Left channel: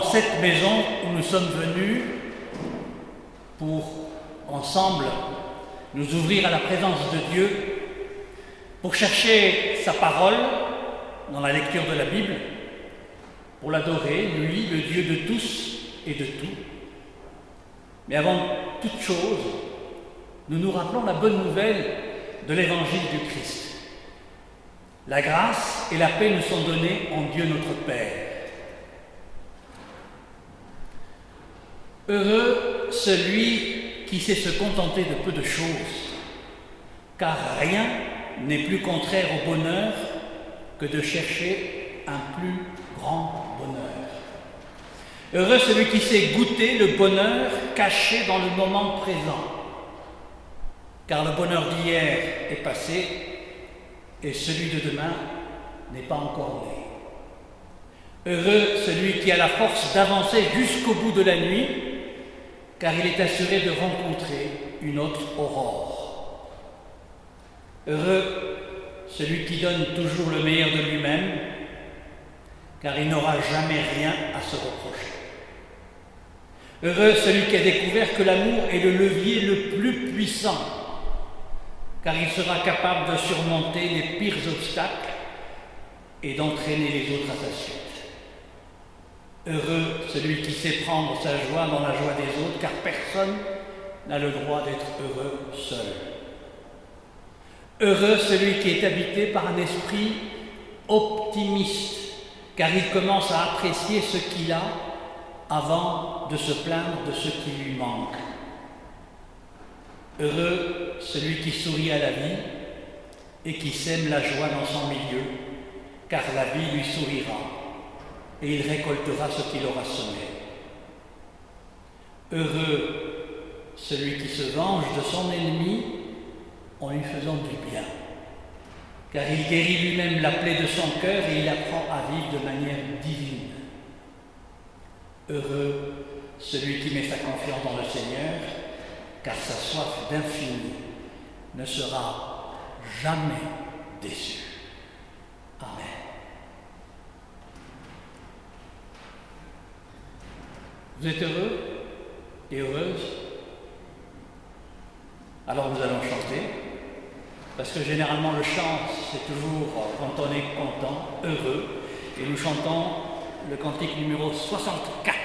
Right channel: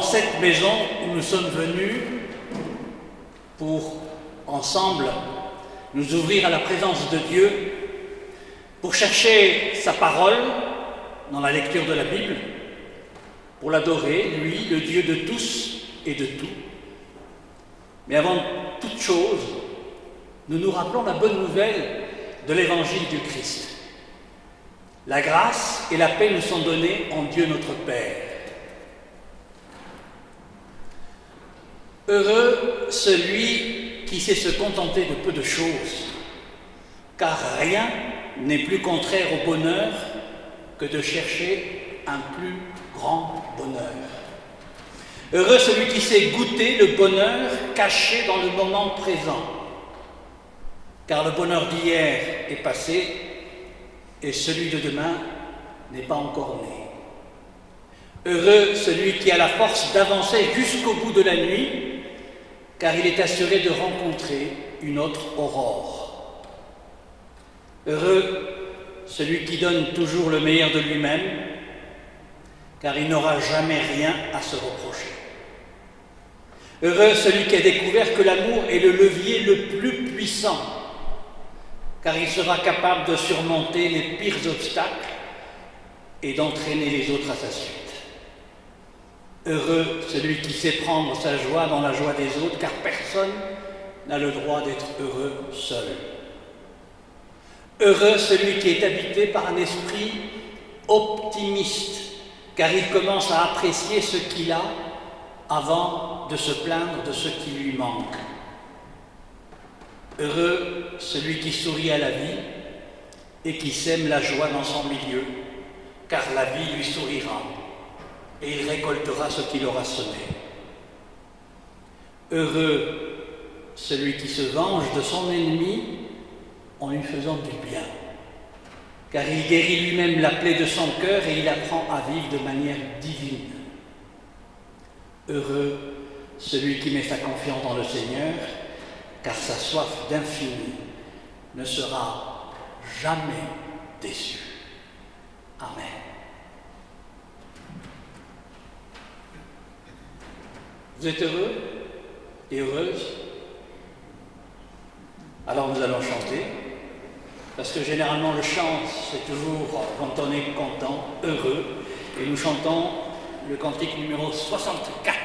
dans cette maison où nous sommes venus pour, ensemble, nous ouvrir à la présence de Dieu, pour chercher sa parole dans la lecture de la Bible, pour l'adorer, lui, le Dieu de tous et de tout. Mais avant toute chose, nous nous rappelons la bonne nouvelle de l'évangile du Christ. La grâce et la paix nous sont données en Dieu notre Père. Heureux celui qui sait se contenter de peu de choses, car rien n'est plus contraire au bonheur que de chercher un plus grand bonheur. Heureux celui qui sait goûter le bonheur caché dans le moment présent, car le bonheur d'hier est passé et celui de demain n'est pas encore né. Heureux celui qui a la force d'avancer jusqu'au bout de la nuit, car il est assuré de rencontrer une autre aurore. Heureux celui qui donne toujours le meilleur de lui-même, car il n'aura jamais rien à se reprocher. Heureux celui qui a découvert que l'amour est le levier le plus puissant, car il sera capable de surmonter les pires obstacles et d'entraîner les autres à sa suite. Heureux celui qui sait prendre sa joie dans la joie des autres, car personne n'a le droit d'être heureux seul. Heureux celui qui est habité par un esprit optimiste, car il commence à apprécier ce qu'il a avant de se plaindre de ce qui lui manque. Heureux celui qui sourit à la vie et qui sème la joie dans son milieu, car la vie lui sourira et il récoltera ce qu'il aura semé. Heureux celui qui se venge de son ennemi en lui faisant du bien, car il guérit lui-même la plaie de son cœur et il apprend à vivre de manière divine. Heureux celui qui met sa confiance dans le Seigneur, car sa soif d'infini ne sera jamais déçue. Amen. Vous êtes heureux et heureuses? Alors nous allons chanter, parce que généralement le chant, c'est toujours quand on est content, heureux, et nous chantons le cantique numéro 64.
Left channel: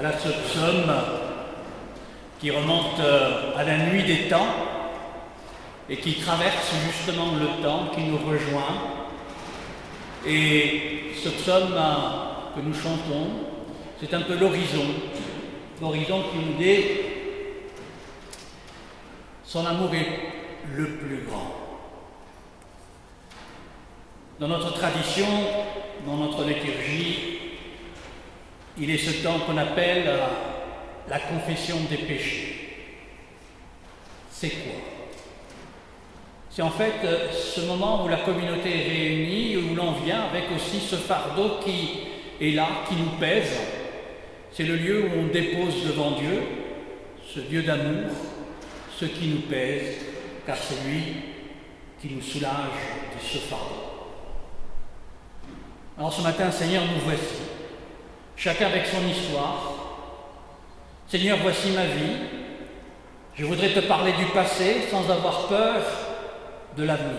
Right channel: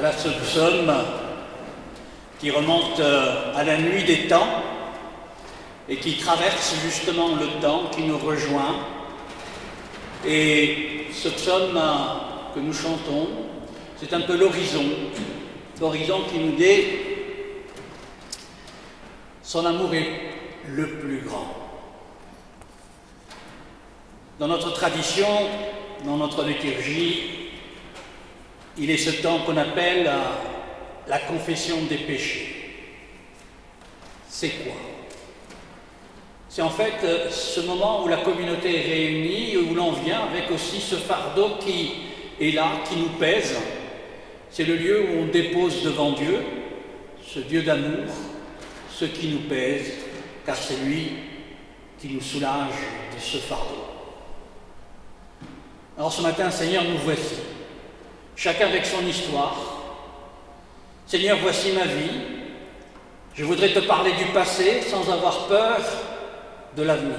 Voilà ce psaume qui remonte à la nuit des temps et qui traverse justement le temps, qui nous rejoint. Et ce psaume que nous chantons, c'est un peu l'horizon qui nous dit son amour est le plus grand. Dans notre tradition, dans notre liturgie, il est ce temps qu'on appelle la confession des péchés. C'est quoi? C'est en fait ce moment où la communauté est réunie, où l'on vient avec aussi ce fardeau qui est là, qui nous pèse. C'est le lieu où on dépose devant Dieu, ce Dieu d'amour, ce qui nous pèse, car c'est lui qui nous soulage de ce fardeau. Alors ce matin, Seigneur, nous voici, chacun avec son histoire. Seigneur, voici ma vie. Je voudrais te parler du passé sans avoir peur de l'avenir.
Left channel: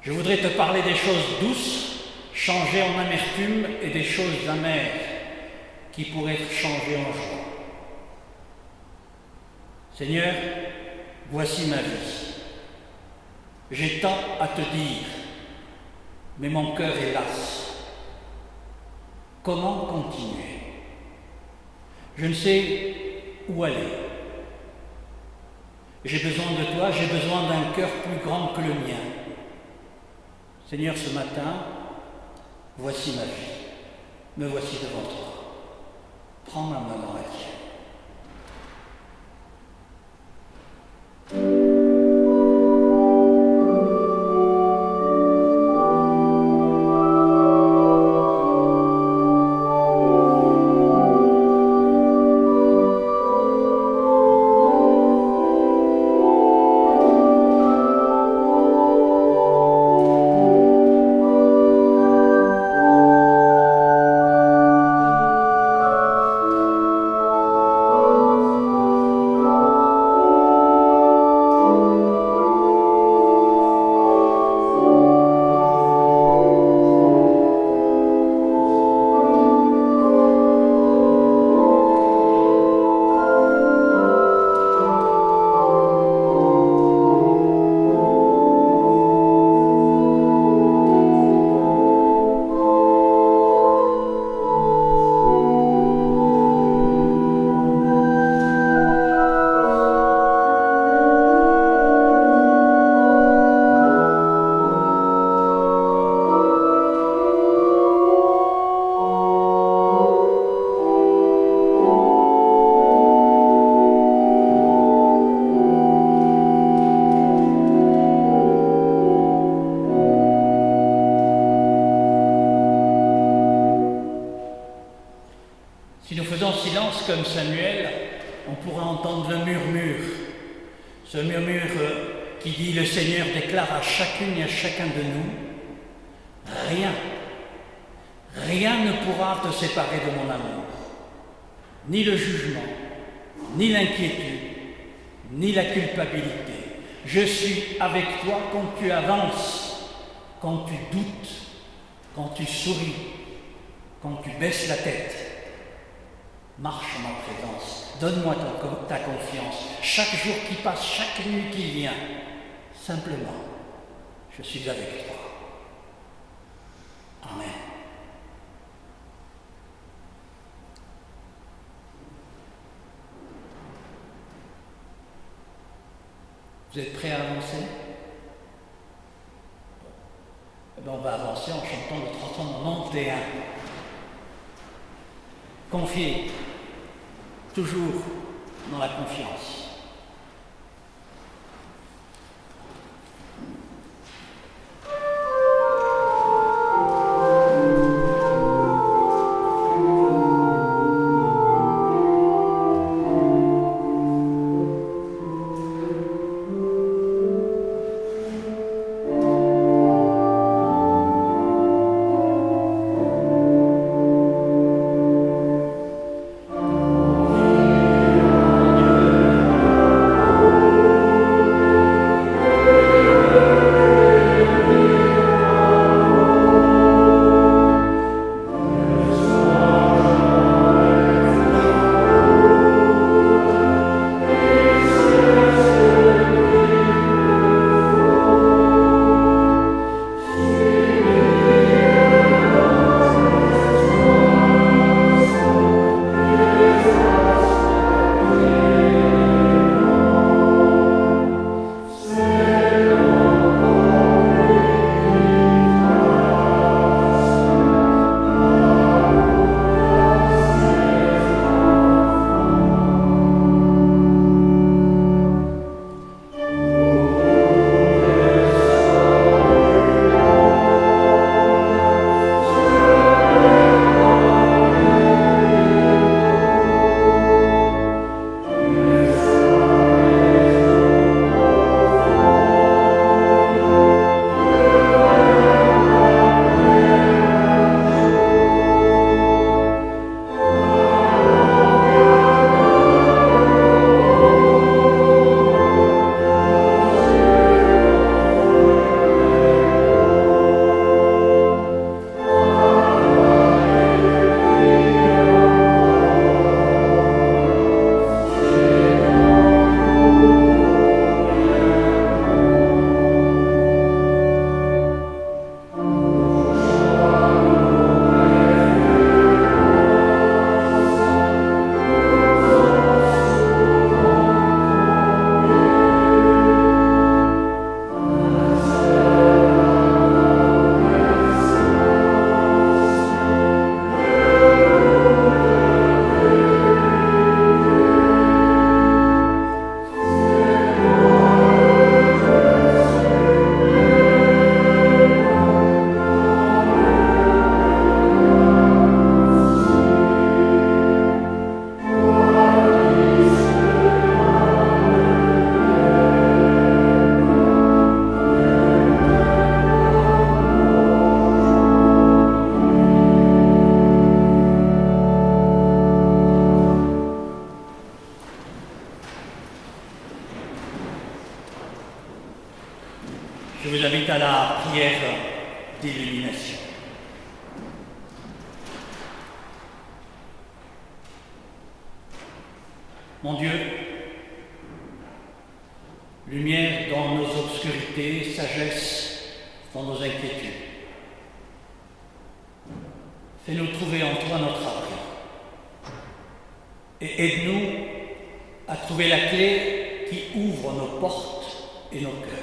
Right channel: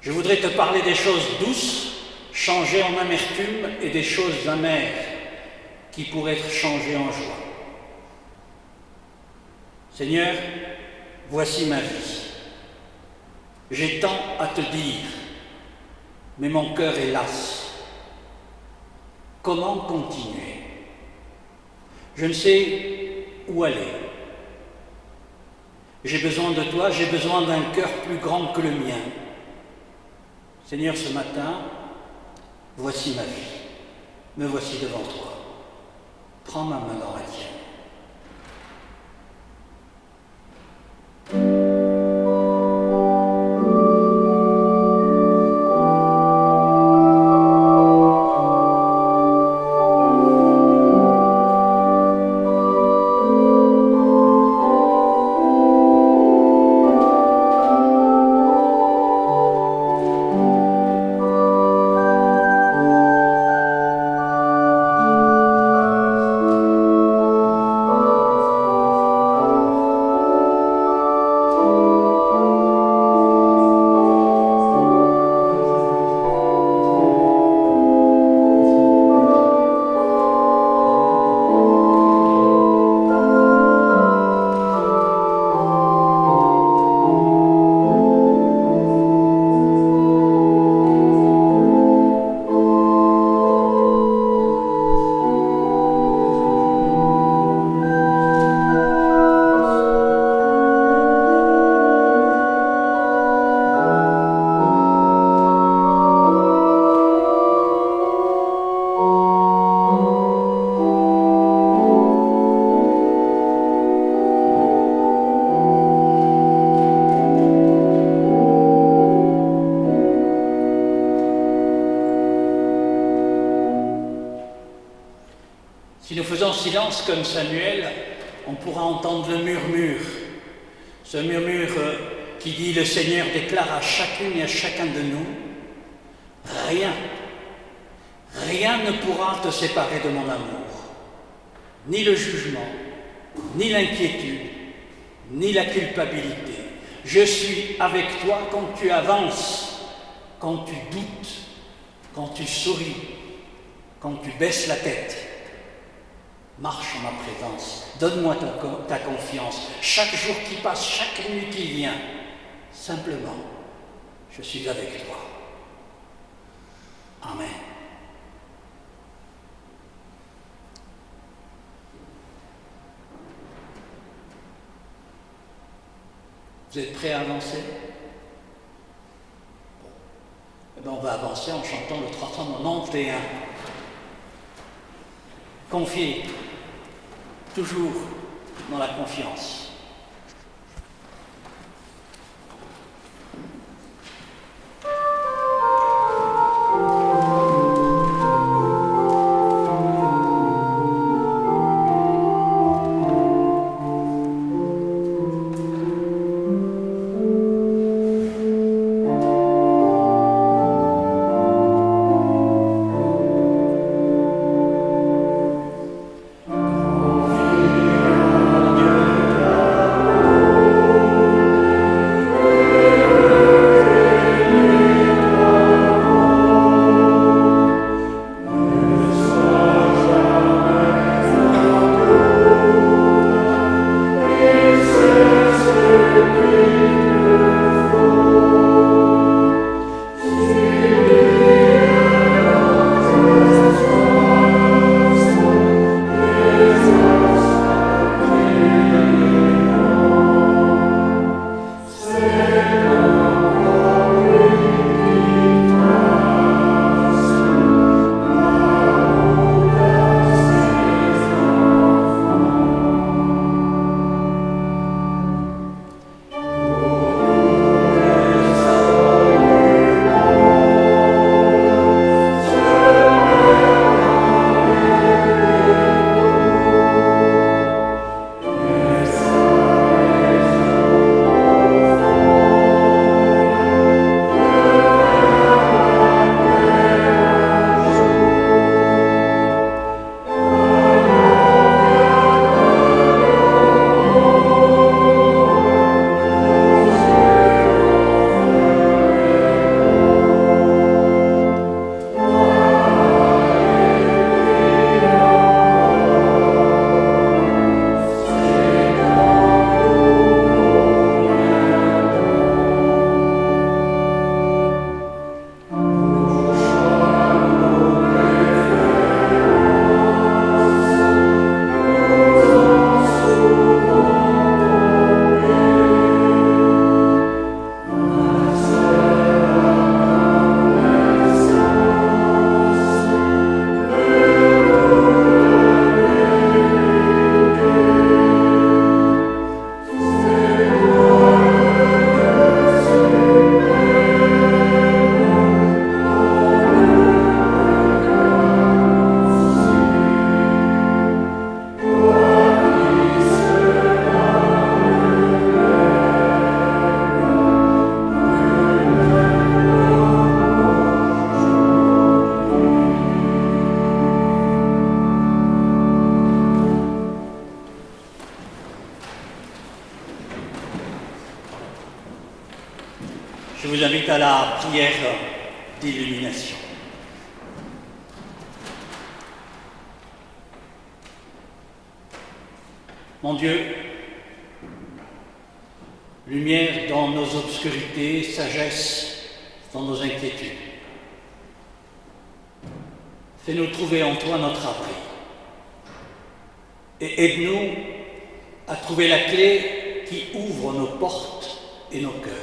Je voudrais te parler des choses douces, changées en amertume, et des choses amères qui pourraient être changées en joie. Seigneur, voici ma vie. J'ai tant à te dire, mais mon cœur est las. Comment continuer? Je ne sais où aller. J'ai besoin de toi, j'ai besoin d'un cœur plus grand que le mien. Seigneur, ce matin, voici ma vie. Me voici devant toi. Prends ma main dans la tienne. Si nous faisons silence comme Samuel, on pourra entendre le murmure, ce murmure qui dit « Le Seigneur déclare à chacune et à chacun de nous, rien ne pourra te séparer de mon amour, ni le jugement, ni l'inquiétude, ni la culpabilité. Je suis avec toi quand tu avances, quand tu doutes, quand tu souris, quand tu baisses la tête. Marche en ma présence, donne-moi ta confiance. Chaque jour qui passe, chaque nuit qui vient, simplement, je suis avec toi. Amen. Vous êtes prêts à avancer? Eh bien, on va avancer en chantant le 391. Confiez, toujours dans la confiance. prière d'illumination. Mon Dieu, lumière dans nos obscurités, sagesse dans nos inquiétudes. Fais-nous trouver en toi notre abri et aide-nous à trouver la clé qui ouvre nos portes et nos cœurs.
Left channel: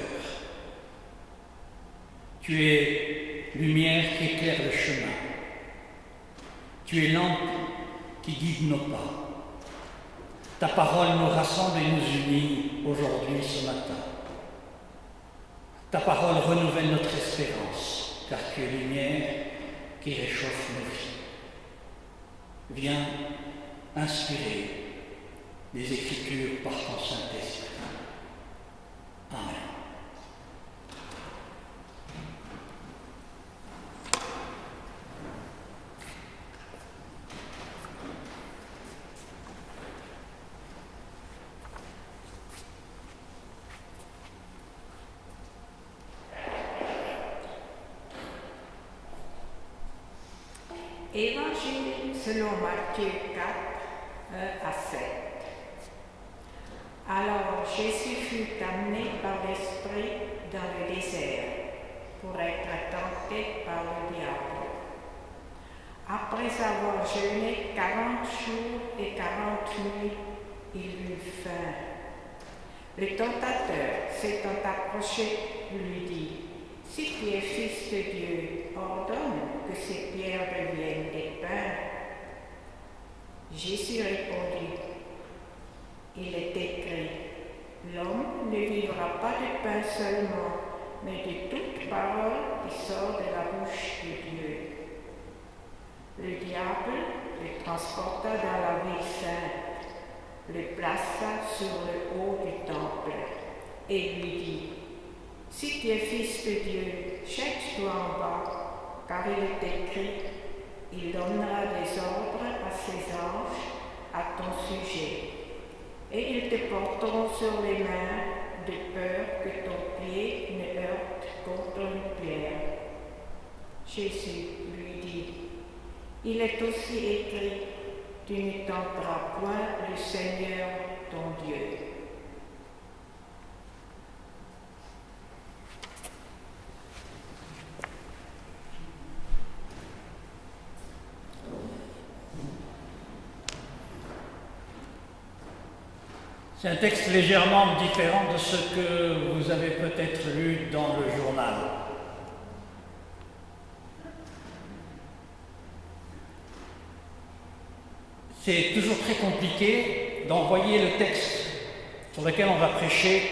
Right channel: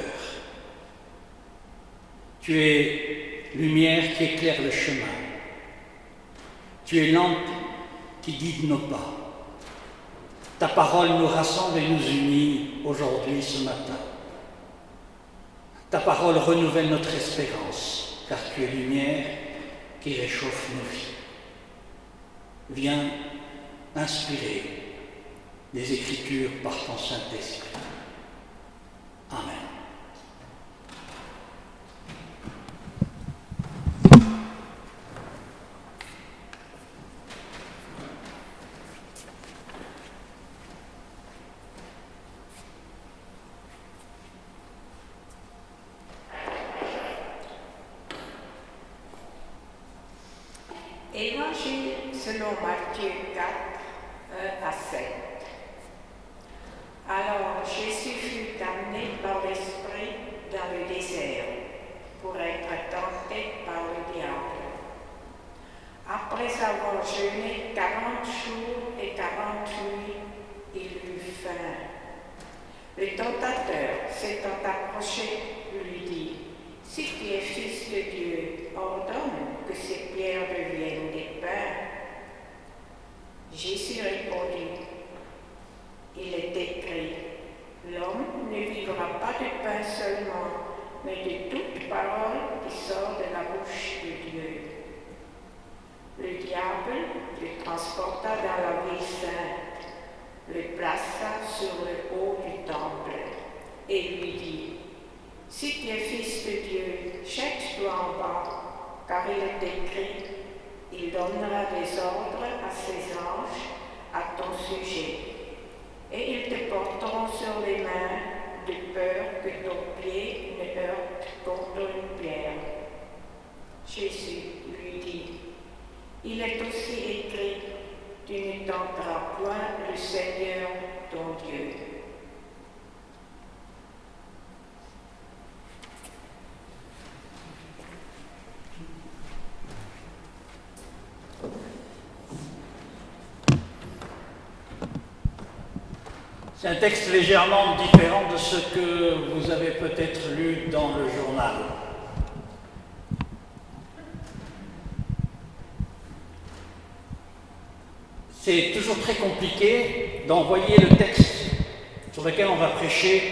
Tu es lumière qui éclaire le chemin. Tu es lampe qui guide nos pas. Ta parole nous rassemble et nous unit aujourd'hui, ce matin. Ta parole renouvelle notre espérance, car tu es lumière qui réchauffe nos vies. Viens inspirer les Écritures par ton Saint-Esprit. Amen. Évangile selon Matthieu 4, 1 à 7. Alors Jésus fut amené par l'Esprit dans le désert pour être tenté par le diable. Après avoir jeûné 40 jours et 40 nuits, il eut faim. Le tentateur, s'étant approché, lui dit: « Si tu es fils de Dieu, ordonne que ces pierres deviennent des pains. » Jésus répondit: « Il est écrit, l'homme ne vivra pas de pain seulement, mais de toute parole qui sort de la bouche de Dieu. » Le diable le transporta dans la ville sainte, le plaça sur le haut du temple et lui dit: « Si tu es fils de Dieu, jette-toi en bas, car il est écrit, il donnera des ordres à ses anges à ton sujet, et ils te porteront sur les mains, de peur que ton pied ne heurte contre une pierre. » Jésus lui dit: « Il est aussi écrit, tu ne tenteras point le Seigneur ton Dieu. » C'est un texte légèrement différent de ce que vous avez peut-être lu dans le journal. C'est toujours très compliqué d'envoyer le texte sur lequel on va prêcher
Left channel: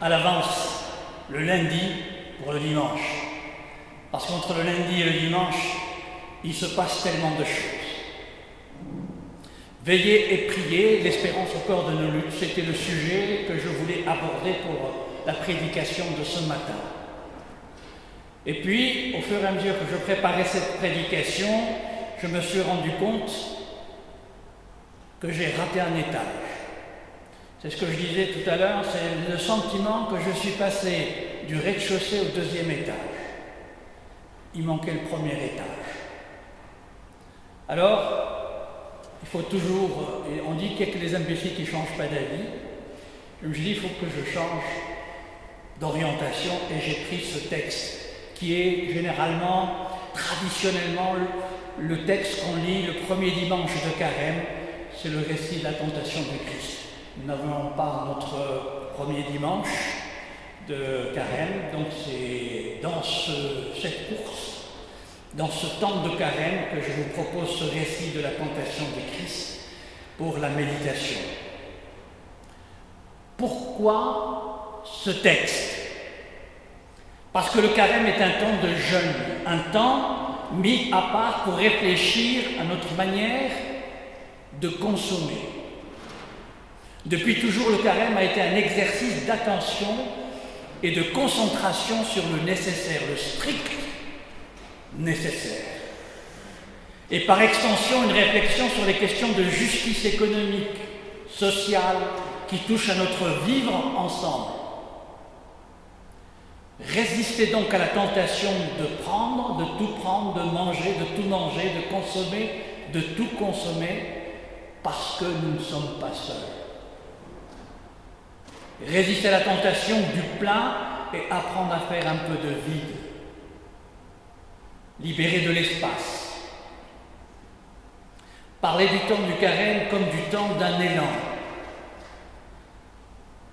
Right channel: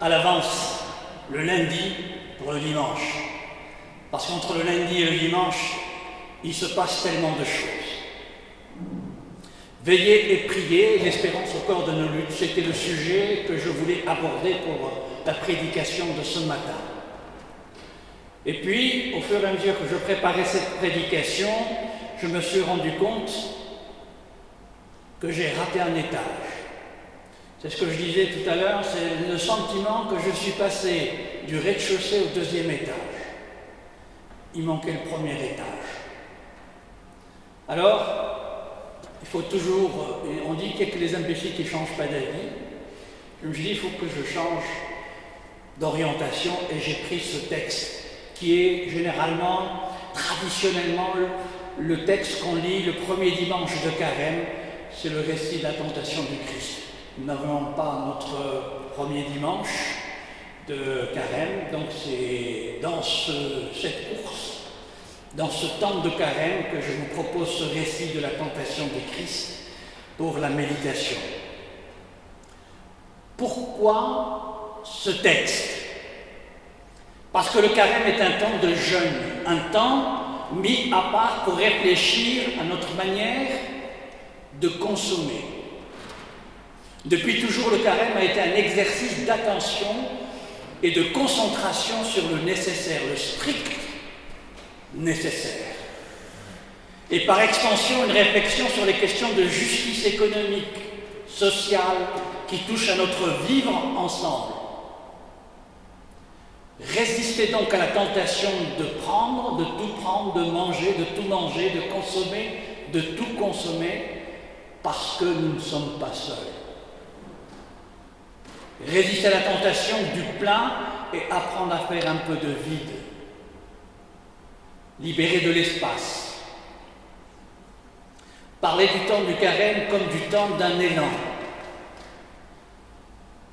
à l'avance, le lundi pour le dimanche. Parce qu'entre le lundi et le dimanche, il se passe tellement de choses. Veiller et prier, l'espérance au corps de nos luttes, c'était le sujet que je voulais aborder pour la prédication de ce matin. Et puis, au fur et à mesure que je préparais cette prédication, je me suis rendu compte que j'ai raté un étage. C'est ce que je disais tout à l'heure, c'est le sentiment que je suis passé du rez-de-chaussée au deuxième étage. Il manquait le premier étage. Alors, il faut toujours, et on dit qu'il n'y a que les imbéciles qui ne changent pas d'avis. Je me suis dit, il faut que je change d'orientation, et j'ai pris ce texte qui est généralement, traditionnellement, le texte qu'on lit le premier dimanche de Carême. C'est le récit de la tentation du Christ. Nous n'avons pas notre premier dimanche de Carême, donc c'est dans cette course, dans ce temps de Carême, que je vous propose ce récit de la tentation du Christ pour la méditation. Pourquoi ce texte? Parce que le Carême est un temps de jeûne, un temps mis à part pour réfléchir à notre manière de consommer. Depuis toujours, le Carême a été un exercice d'attention et de concentration sur le nécessaire, le strict nécessaire. Et par extension, une réflexion sur les questions de justice économique, sociale, qui touchent à notre vivre ensemble. Résistez donc à la tentation de prendre, de tout prendre, de manger, de tout manger, de consommer, de tout consommer, parce que nous ne sommes pas seuls. Résistez à la tentation du plein et apprendre à faire un peu de vide. Libérer de l'espace. Parler du temps du carême comme du temps d'un élan.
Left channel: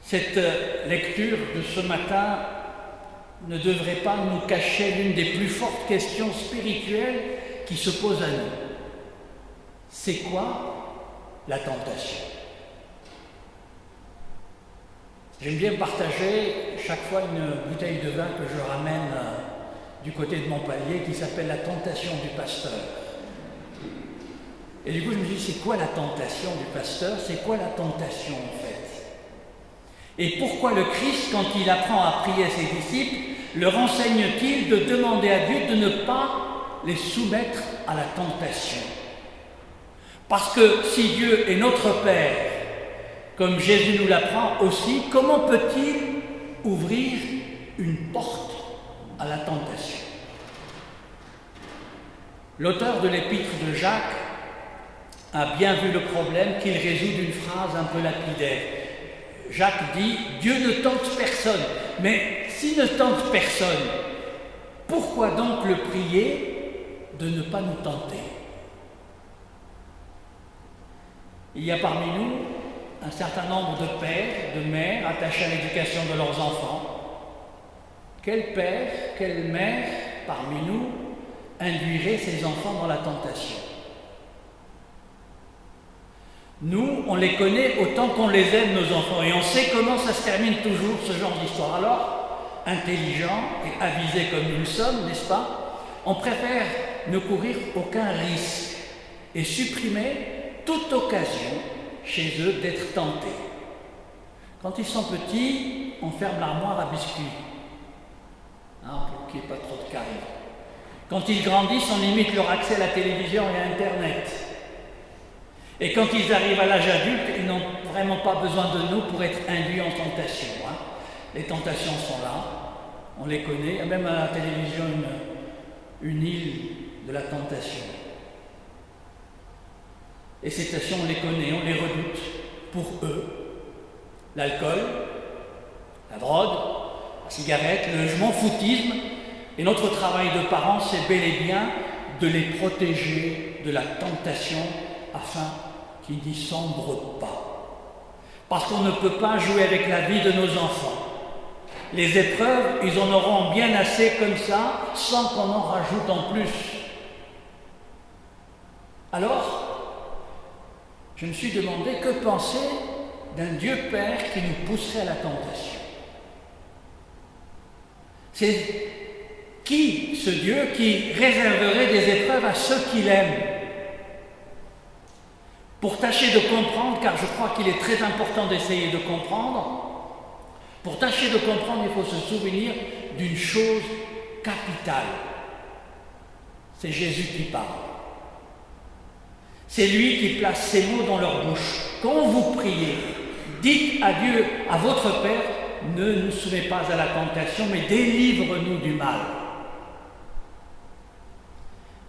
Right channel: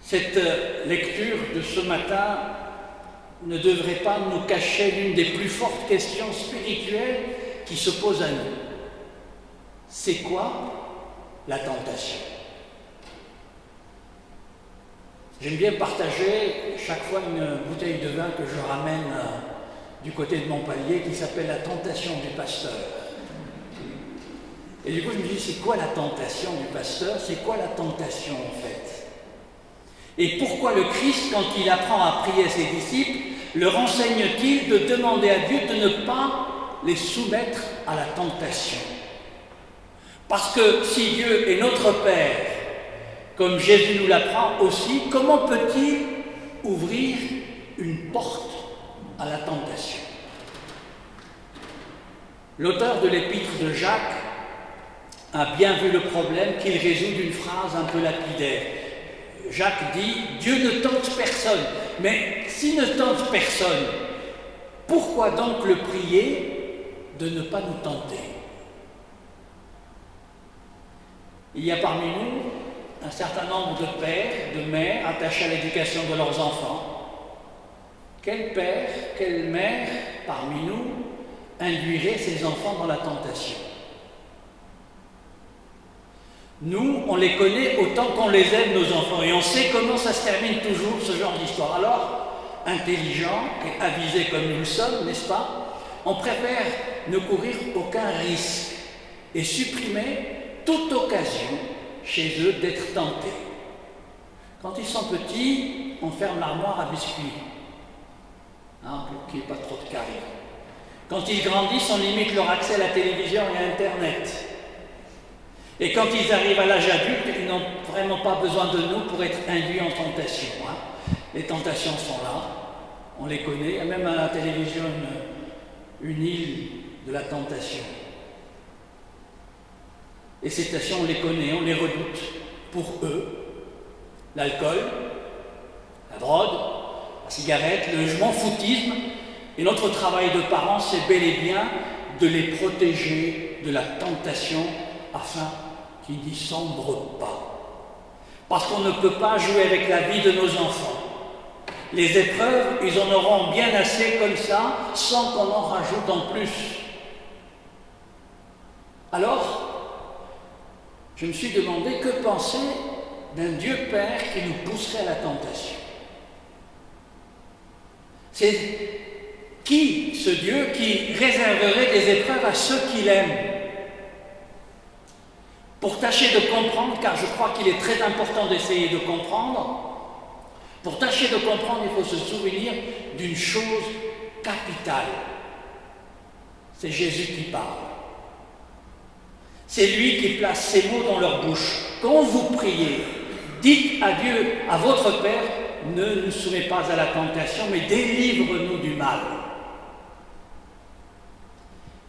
Cette lecture de ce matin ne devrait pas nous cacher l'une des plus fortes questions spirituelles qui se posent à nous. C'est quoi la tentation? J'aime bien partager chaque fois une bouteille de vin que je ramène du côté de Montpellier qui s'appelle la tentation du pasteur. Et du coup je me dis, c'est quoi la tentation du pasteur? C'est quoi la tentation en fait? Et pourquoi le Christ, quand il apprend à prier ses disciples, le renseigne-t-il de demander à Dieu de ne pas les soumettre à la tentation? Parce que si Dieu est notre Père, comme Jésus nous l'apprend aussi, comment peut-il ouvrir une porte à la tentation? L'auteur de l'épître de Jacques a bien vu le problème qu'il résout d'une phrase un peu lapidaire. Jacques dit « Dieu ne tente personne ». Mais s'il ne tente personne, pourquoi donc le prier de ne pas nous tenter? Il y a parmi nous un certain nombre de pères, de mères attachés à l'éducation de leurs enfants. Quel père, quelle mère parmi nous induirait ses enfants dans la tentation? Nous, on les connaît autant qu'on les aime, nos enfants, et on sait comment ça se termine toujours, ce genre d'histoire. Alors, intelligents et avisés comme nous le sommes, n'est-ce pas, on préfère ne courir aucun risque et supprimer toute occasion chez eux d'être tentés. Quand ils sont petits, on ferme l'armoire à biscuits, pour qu'il n'y ait pas trop de caries. Quand ils grandissent, on limite leur accès à la télévision et à Internet. Et quand ils arrivent à l'âge adulte, ils n'ont vraiment pas besoin de nous pour être induits en tentation. Les tentations sont là, on les connaît. Il y a même à la télévision une île de la tentation. Et ces tentations, on les connaît, on les redoute. Pour eux, l'alcool, la drogue, la cigarette, le je m'en foutisme. Et notre travail de parents, c'est bel et bien de les protéger de la tentation afin qu'ils n'y sombrent pas. Parce qu'on ne peut pas jouer avec la vie de nos enfants. Les épreuves, ils en auront bien assez comme ça, sans qu'on en rajoute en plus. Alors, je me suis demandé que penser d'un Dieu Père qui nous pousserait à la tentation. C'est qui ce Dieu qui réserverait des épreuves à ceux qu'il aime? Pour tâcher de comprendre, car je crois qu'il est très important d'essayer de comprendre, pour tâcher de comprendre, il faut se souvenir d'une chose capitale. C'est Jésus qui parle. C'est lui qui place ses mots dans leur bouche. Quand vous priez, dites à Dieu, à votre Père, ne nous soumets pas à la tentation, mais délivre-nous du mal.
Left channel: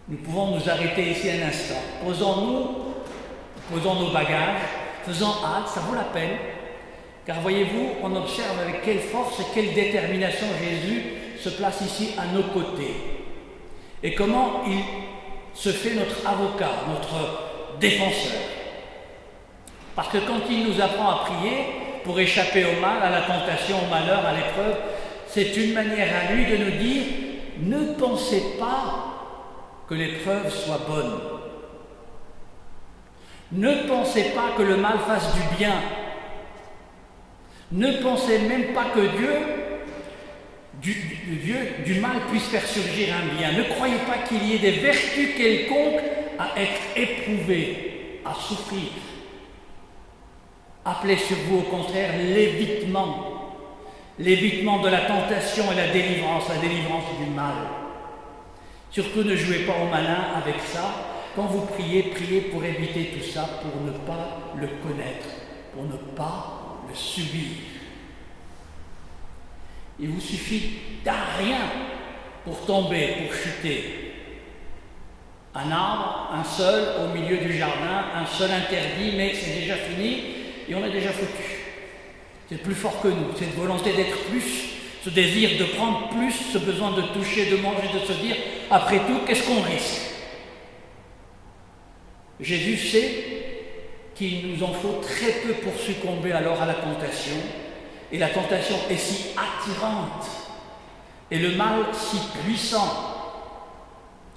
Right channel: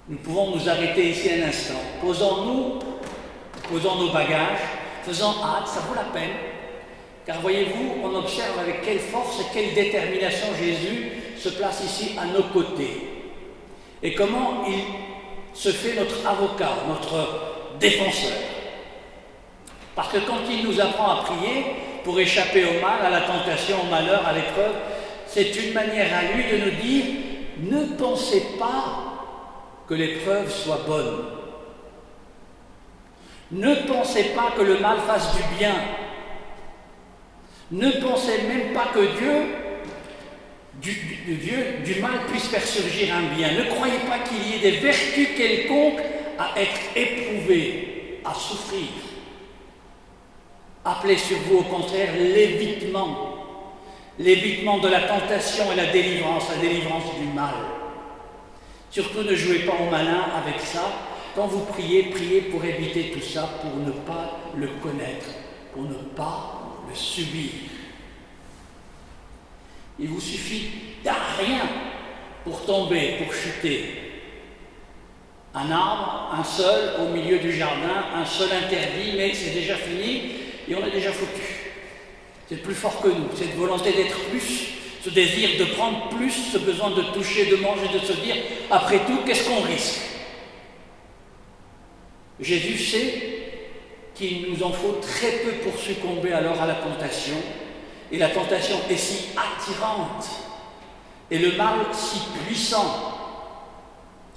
Nous pouvons nous arrêter ici un instant. Posons nos bagages, faisons hâte, ça vaut la peine. Car voyez-vous, on observe avec quelle force et quelle détermination Jésus se place ici à nos côtés. Et comment il se fait notre avocat, notre défenseur. Parce que quand il nous apprend à prier pour échapper au mal, à la tentation, au malheur, à l'épreuve, c'est une manière à lui de nous dire « Ne pensez pas que l'épreuve soit bonne. Ne pensez pas que le mal fasse du bien. Ne pensez même pas que du mal puisse faire surgir un bien. Ne croyez pas qu'il y ait des vertus quelconques à être éprouvées, à souffrir. Appelez sur vous au contraire l'évitement de la tentation et la délivrance du mal. Surtout ne jouez pas au malin avec ça. Quand vous priez, priez pour éviter tout ça, pour ne pas le connaître, pour ne pas le subir. Il vous suffit d'un rien pour tomber, pour chuter. Un arbre, un seul au milieu du jardin, un seul interdit, mais c'est déjà fini et on est déjà foutu. C'est plus fort que nous, cette volonté d'être plus, ce désir de prendre plus, ce besoin de toucher, de manger, de se dire, après tout, qu'est-ce qu'on risque? Jésus sait qu'il nous en faut très peu pour succomber alors à la tentation, et la tentation est si attirante, et le mal si puissant,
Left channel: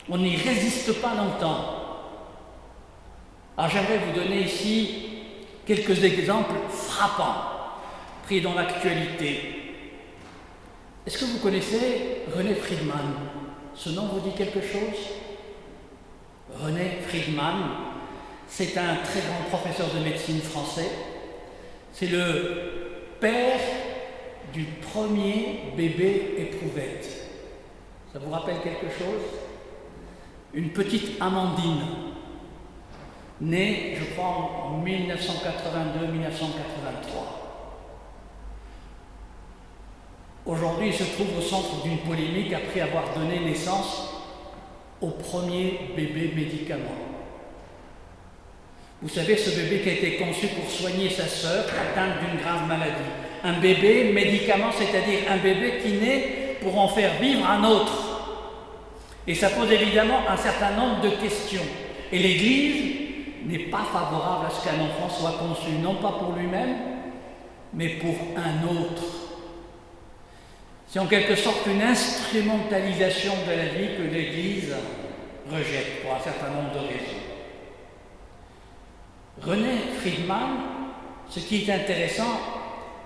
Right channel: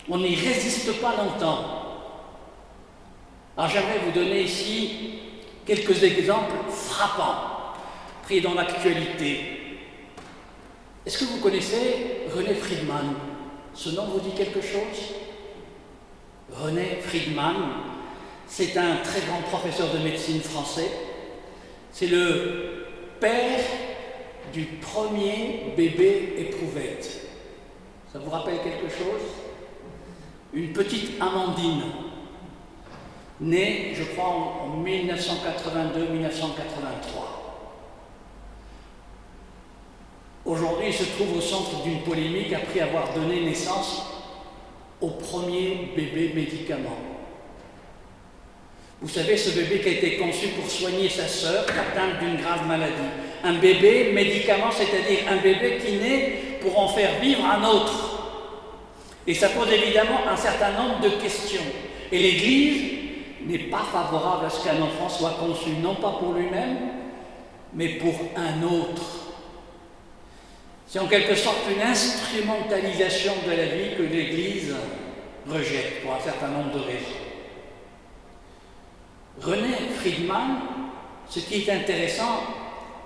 on n'y résiste pas longtemps. Alors j'aimerais vous donner ici quelques exemples frappants, pris dans l'actualité. Est-ce que vous connaissez René Friedman? Ce nom vous dit quelque chose? René Friedman, c'est un très grand professeur de médecine français. C'est le père du premier bébé éprouvette. Ça vous rappelle quelque chose? Une petite Amandine, née, je crois, en 1982-1983. Aujourd'hui, il se trouve au centre d'une polémique après avoir donné naissance au premier bébé médicament. Vous savez, ce bébé qui a été conçu pour soigner sa sœur atteinte d'une grave maladie. Un bébé médicament, c'est-à-dire un bébé qui naît pour en faire vivre un autre. Et ça pose évidemment un certain nombre de questions. Et l'Église n'est pas favorable à ce qu'un enfant soit conçu, non pas pour lui-même, mais pour un autre. C'est en quelque sorte une instrumentalisation de la vie que l'Église rejette pour un certain nombre de raisons. René Friedman, ce qui est intéressant,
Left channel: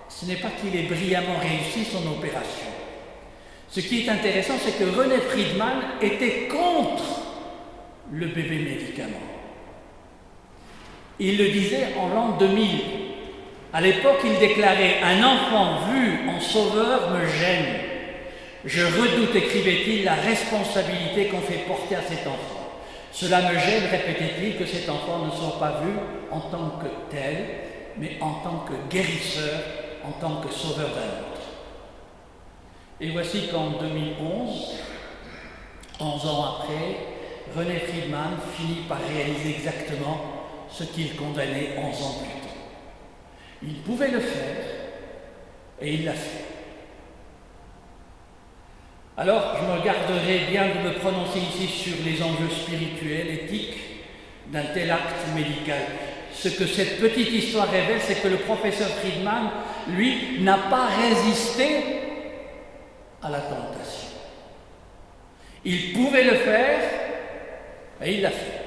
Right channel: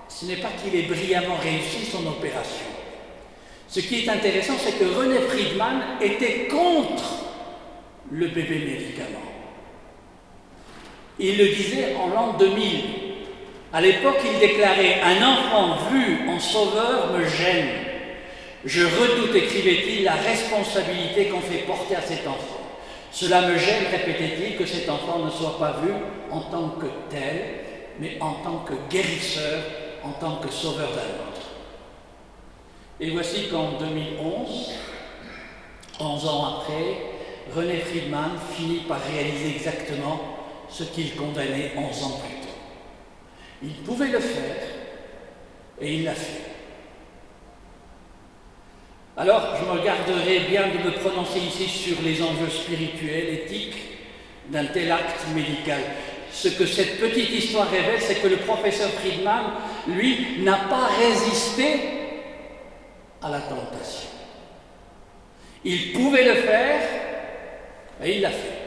ce n'est pas qu'il ait brillamment réussi son opération. Ce qui est intéressant, c'est que René Friedman était contre le bébé médicament. Il le disait en l'an 2000. À l'époque, il déclarait « Un enfant vu en sauveur me gêne. Je redoute, écrivait-il, la responsabilité qu'on fait porter à cet enfant. Cela me gêne, répétait-il, que cet enfant ne soit pas vu en tant que tel, mais en tant que guérisseur, en tant que sauveur d'un autre. » Et voici qu'en 2011, 11 ans après, René Friedman finit par réaliser exactement ce qu'il condamnait 11 ans plus tôt. Il pouvait le faire, et il l'a fait. Alors, je me garderai bien de me prononcer ici sur les enjeux spirituels, éthiques d'un tel acte médical. Ce que cette petite histoire révèle, c'est que le professeur Friedman, lui, n'a pas résisté à la tentation. Il pouvait le faire, et il l'a fait.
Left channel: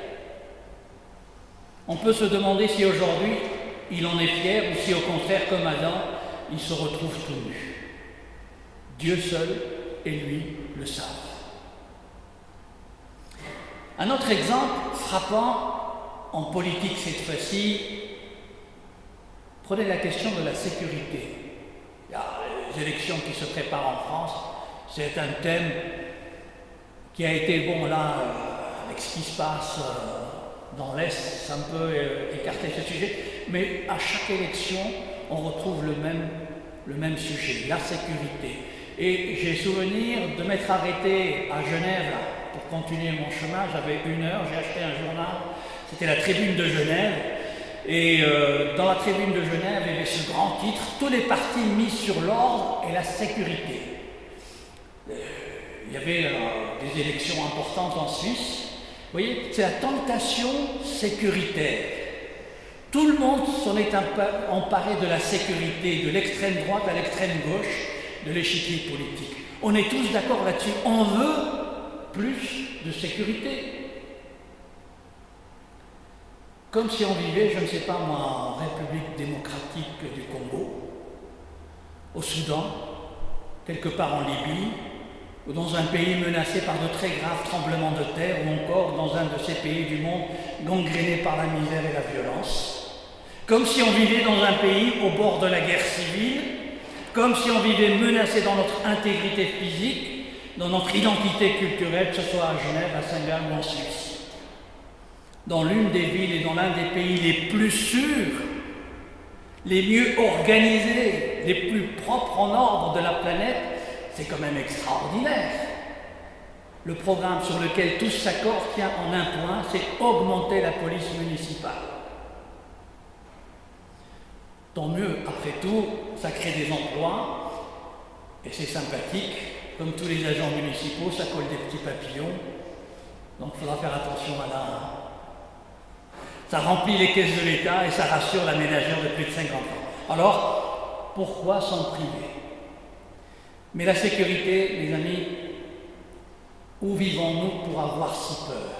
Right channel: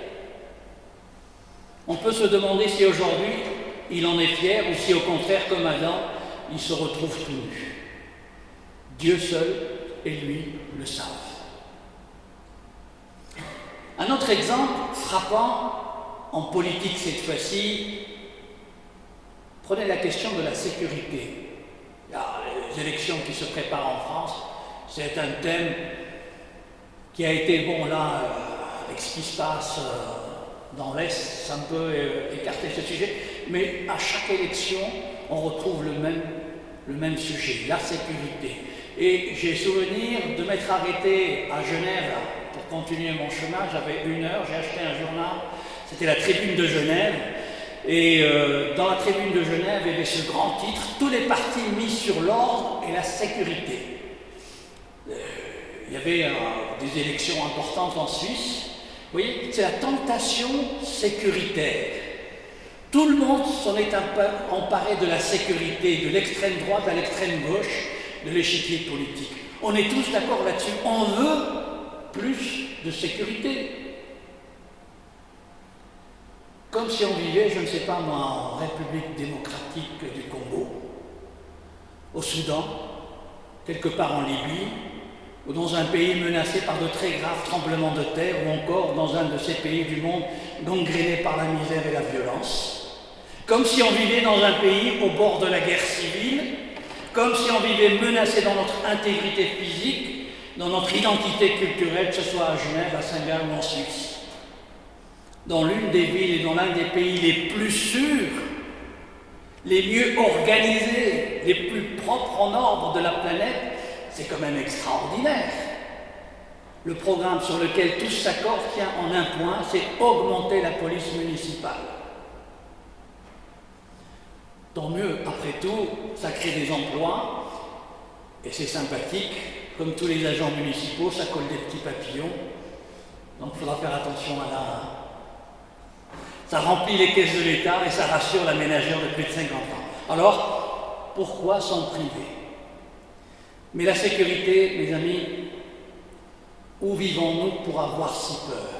On peut se demander si aujourd'hui, il en est fier, ou si au contraire, comme Adam, il se retrouve tout nu. Dieu seul et lui le savent. Un autre exemple frappant, en politique cette fois-ci, prenez la question de la sécurité. Il y a les élections qui se préparent en France, c'est un thème qui a été, bon là, avec ce qui se passe dans l'Est, c'est un peu écarté ce sujet, mais à chaque élection, on retrouve le même sujet, la sécurité. Et j'ai souvenir de m'être arrêté à Genève pour continuer mon chemin. J'avais 1 heure, j'ai acheté un journal, c'était la Tribune de Genève. Et dans la Tribune de Genève, il y avait ce grand titre, tous les partis mis sur l'ordre et la sécurité. Il y avait des élections importantes en Suisse. Vous voyez, c'est la tentation sécuritaire. Tout le monde s'en est emparé de la sécurité, de l'extrême droite à l'extrême gauche de l'échiquier politique. On est tous d'accord là-dessus. On veut plus de sécurité. Comme si on vivait, je ne sais pas moi, en République démocratique du Congo, au Soudan, quelque part en Libye, ou dans un pays menacé par de très graves tremblements de terre, ou encore dans un de ces pays du monde gangréné par la misère et la violence. Comme si on vivait dans un pays au bord de la guerre civile, comme si on vivait menacé dans notre intégrité physique, dans notre identité culturelle, que ce soit à Genève, à Saint-Gall ou en Suisse. Dans l'une des villes et dans l'un des pays les plus sûrs, les mieux organisés, les plus propres en ordre de la planète, C'est quand même extraordinaire. Le programme sur lequel tous s'accordent tient en un point, c'est augmenter la police municipale. Tant mieux, après tout, ça crée des emplois, et c'est sympathique. Comme tous les agents municipaux, ça colle des petits papillons, donc il faudra faire attention à la... Ça remplit les caisses de l'État et ça rassure la ménagère de plus de 50 ans. Alors, pourquoi s'en priver? Mais la sécurité, mes amis, où vivons-nous pour avoir si peur?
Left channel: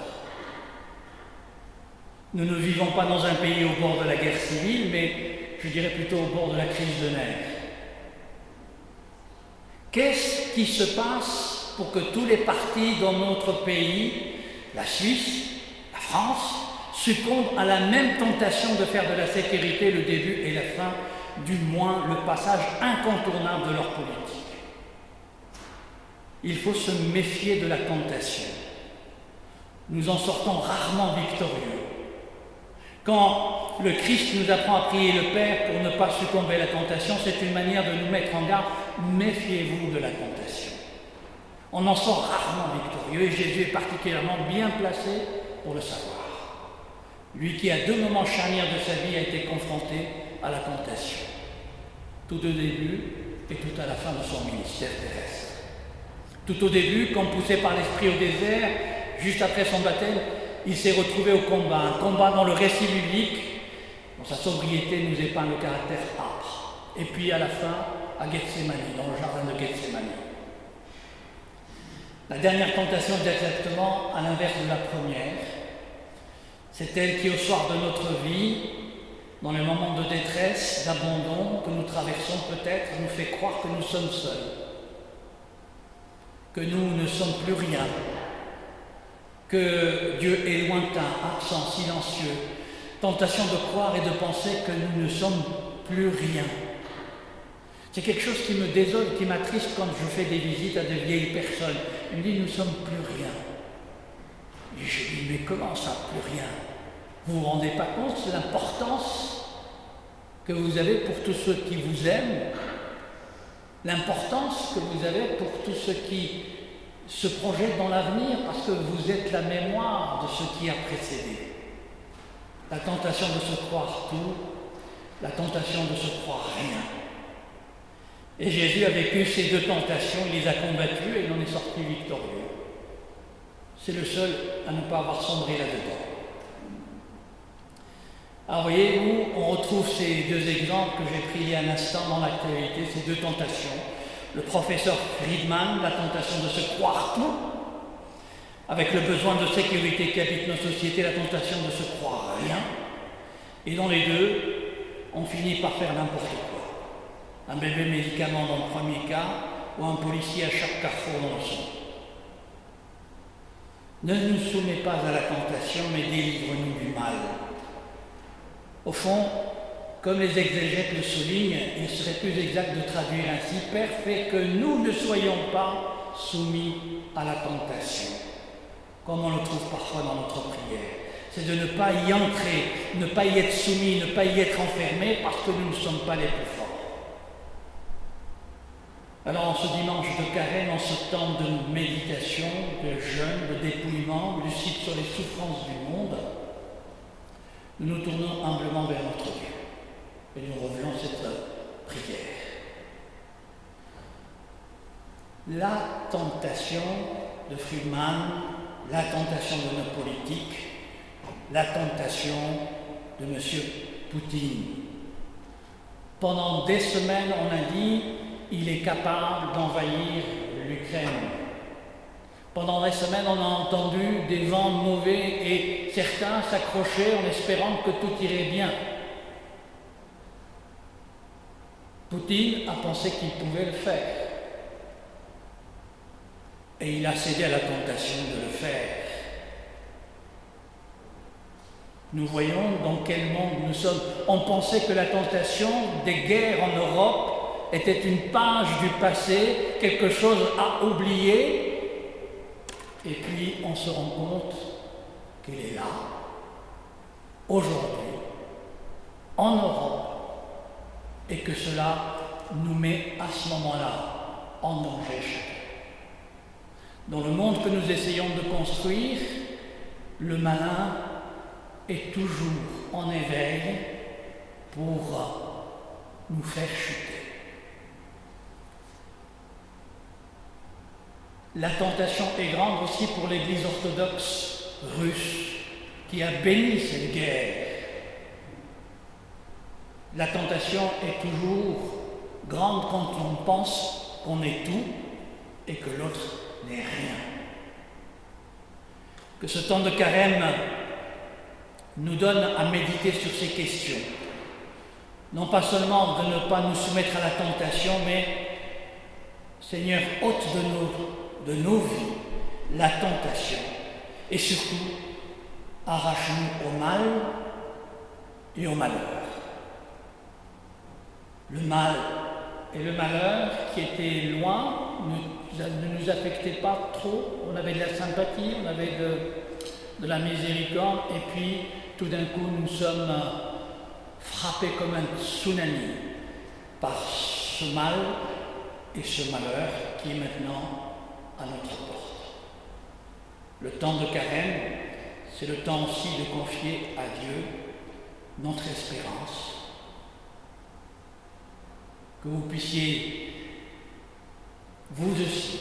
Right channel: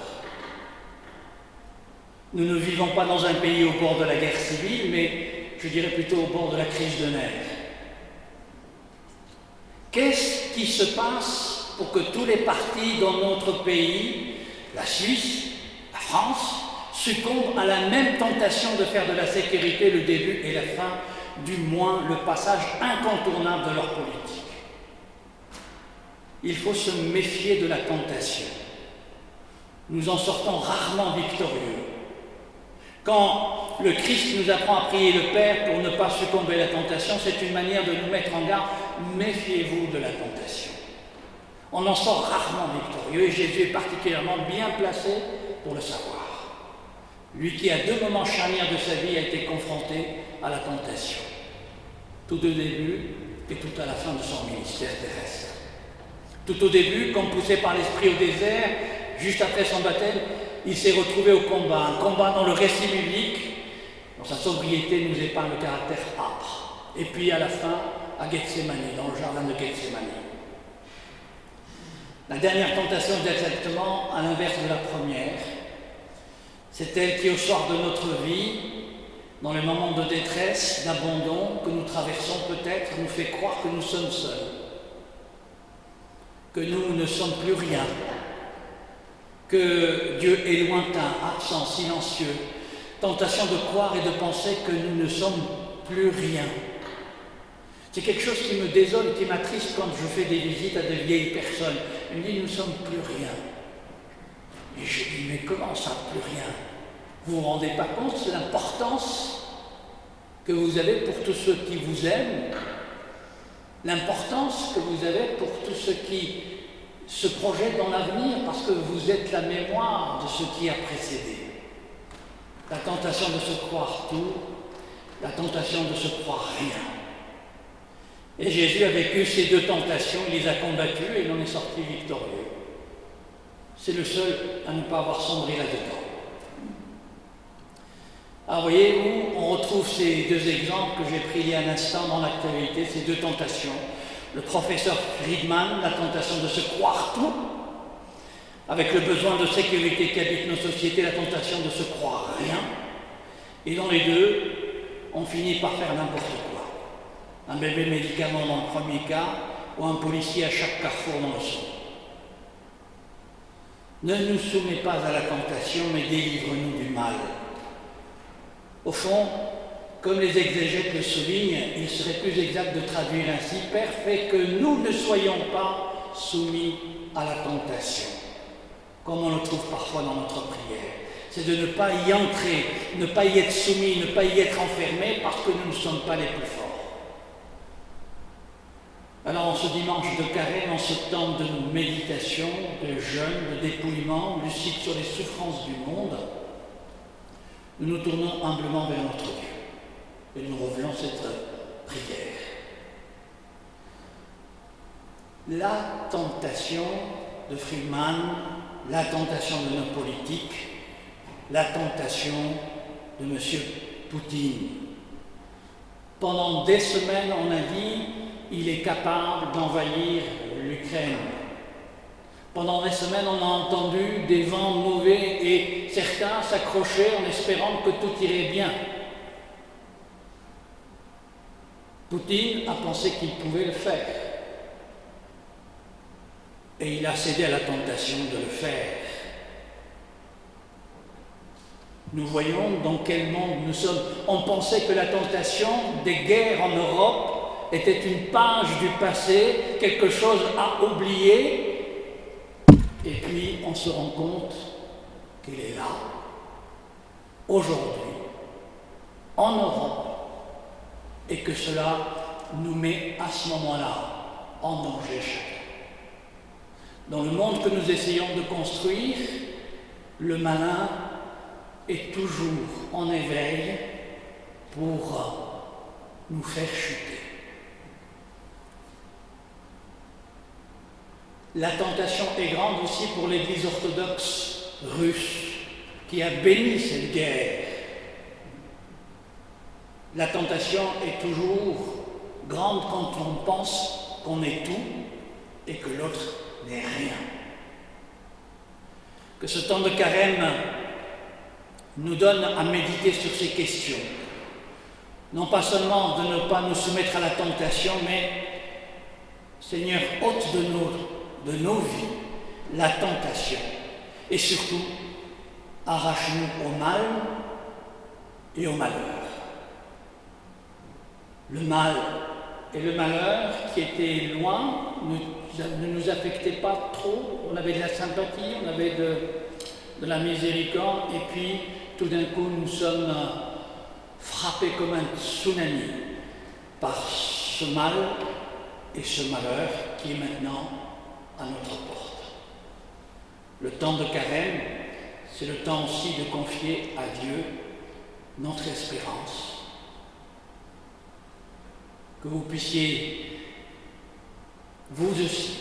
Nous ne vivons pas dans un pays au bord de la guerre civile, mais je dirais plutôt au bord de la crise de nerfs. Qu'est-ce qui se passe pour que tous les partis dans notre pays, la Suisse, la France, succombent à la même tentation de faire de la sécurité le début et la fin, du moins le passage incontournable de leur politique? Il faut se méfier de la tentation. Nous en sortons rarement victorieux. Quand le Christ nous apprend à prier le Père pour ne pas succomber à la tentation, c'est une manière de nous mettre en garde. Méfiez-vous de la tentation. On en sort rarement victorieux et Jésus est particulièrement bien placé pour le savoir. Lui qui, à 2 moments charnières de sa vie, a été confronté à la tentation. Tout au début et tout à la fin de son ministère terrestre. Tout au début, comme poussé par l'Esprit au désert, juste après son baptême, il s'est retrouvé au combat, un combat dont le récit biblique, dans sa sobriété, nous épargne le caractère âpre. Et puis à la fin, à Gethsémani, dans le jardin de Gethsémani. La dernière tentation est exactement à l'inverse de la première. C'est elle qui, au soir de notre vie, dans les moments de détresse, d'abandon que nous traversons peut-être, nous fait croire que nous sommes seuls, que nous ne sommes plus rien, que Dieu est lointain, absent, silencieux. Tentation de croire et de penser que nous ne sommes plus rien. C'est quelque chose qui me désole, qui m'attriste quand je fais des visites à de vieilles personnes. Ils me disent, nous ne sommes plus rien. Et je dis, mais comment ça, plus rien? Vous ne vous rendez pas compte de l'importance que vous avez pour tous ceux qui vous aiment, l'importance que vous avez pour tous ceux qui se projettent dans l'avenir, parce que vous êtes la mémoire de ce qui a précédé. La tentation de se croire tout, la tentation de se croire rien. Et Jésus a vécu ces 2 tentations, il les a combattues et il en est sorti victorieux. C'est le seul à ne pas avoir sombré là-dedans. Alors voyez-vous, on retrouve ces 2 exemples que j'ai pris il y a un instant dans l'actualité, ces 2 tentations. Le professeur Friedman, la tentation de se croire tout, avec le besoin de sécurité qui habite nos sociétés, la tentation de se croire rien. Et dans les 2, on finit par faire n'importe quoi. Un bébé médicament dans le premier cas, ou un policier à chaque carrefour dans le second. Ne nous soumets pas à la tentation, mais délivre-nous du mal. Au fond, comme les exégètes le soulignent, il serait plus exact de traduire ainsi « Père, fais que nous ne soyons pas soumis à la tentation », comme on le trouve parfois dans notre prière. C'est de ne pas y entrer, ne pas y être soumis, ne pas y être enfermé, parce que nous ne sommes pas les plus forts. Alors, en ce dimanche de carême, en ce temps de méditation, de jeûne, de dépouillement, lucide sur les souffrances du monde, nous nous tournons humblement vers notre Dieu et nous revenons cette prière. La tentation de Friedman, la tentation de nos politiques, la tentation de M. Poutine. Pendant des semaines, on a dit il est capable d'envahir l'Ukraine. Pendant des semaines, on a entendu des vents mauvais et certains s'accrochaient en espérant que tout irait bien. Poutine a pensé qu'il pouvait le faire. Et il a cédé à la tentation de le faire. Nous voyons dans quel monde nous sommes. On pensait que la tentation des guerres en Europe était une page du passé, quelque chose à oublier, et puis on se rend compte qu'elle est là, aujourd'hui, en Europe, et que cela nous met à ce moment-là en danger chacun. Dans le monde que nous essayons de construire, le malin est toujours en éveil pour nous faire chuter. La tentation est grande aussi pour l'Église orthodoxe russe qui a béni cette guerre. La tentation est toujours grande quand on pense qu'on est tout et que l'autre n'est rien. Que ce temps de carême nous donne à méditer sur ces questions. Non pas seulement de ne pas nous soumettre à la tentation, mais Seigneur, ôte de nos vies la tentation et surtout arrache-nous au mal et au malheur. Le mal et le malheur qui étaient loin ne nous affectaient pas trop. On avait de la sympathie, on avait de la miséricorde et puis tout d'un coup nous sommes frappés comme un tsunami par ce mal et ce malheur qui est maintenant à notre porte. Le temps de carême, c'est le temps aussi de confier à Dieu notre espérance. Que vous puissiez, vous aussi,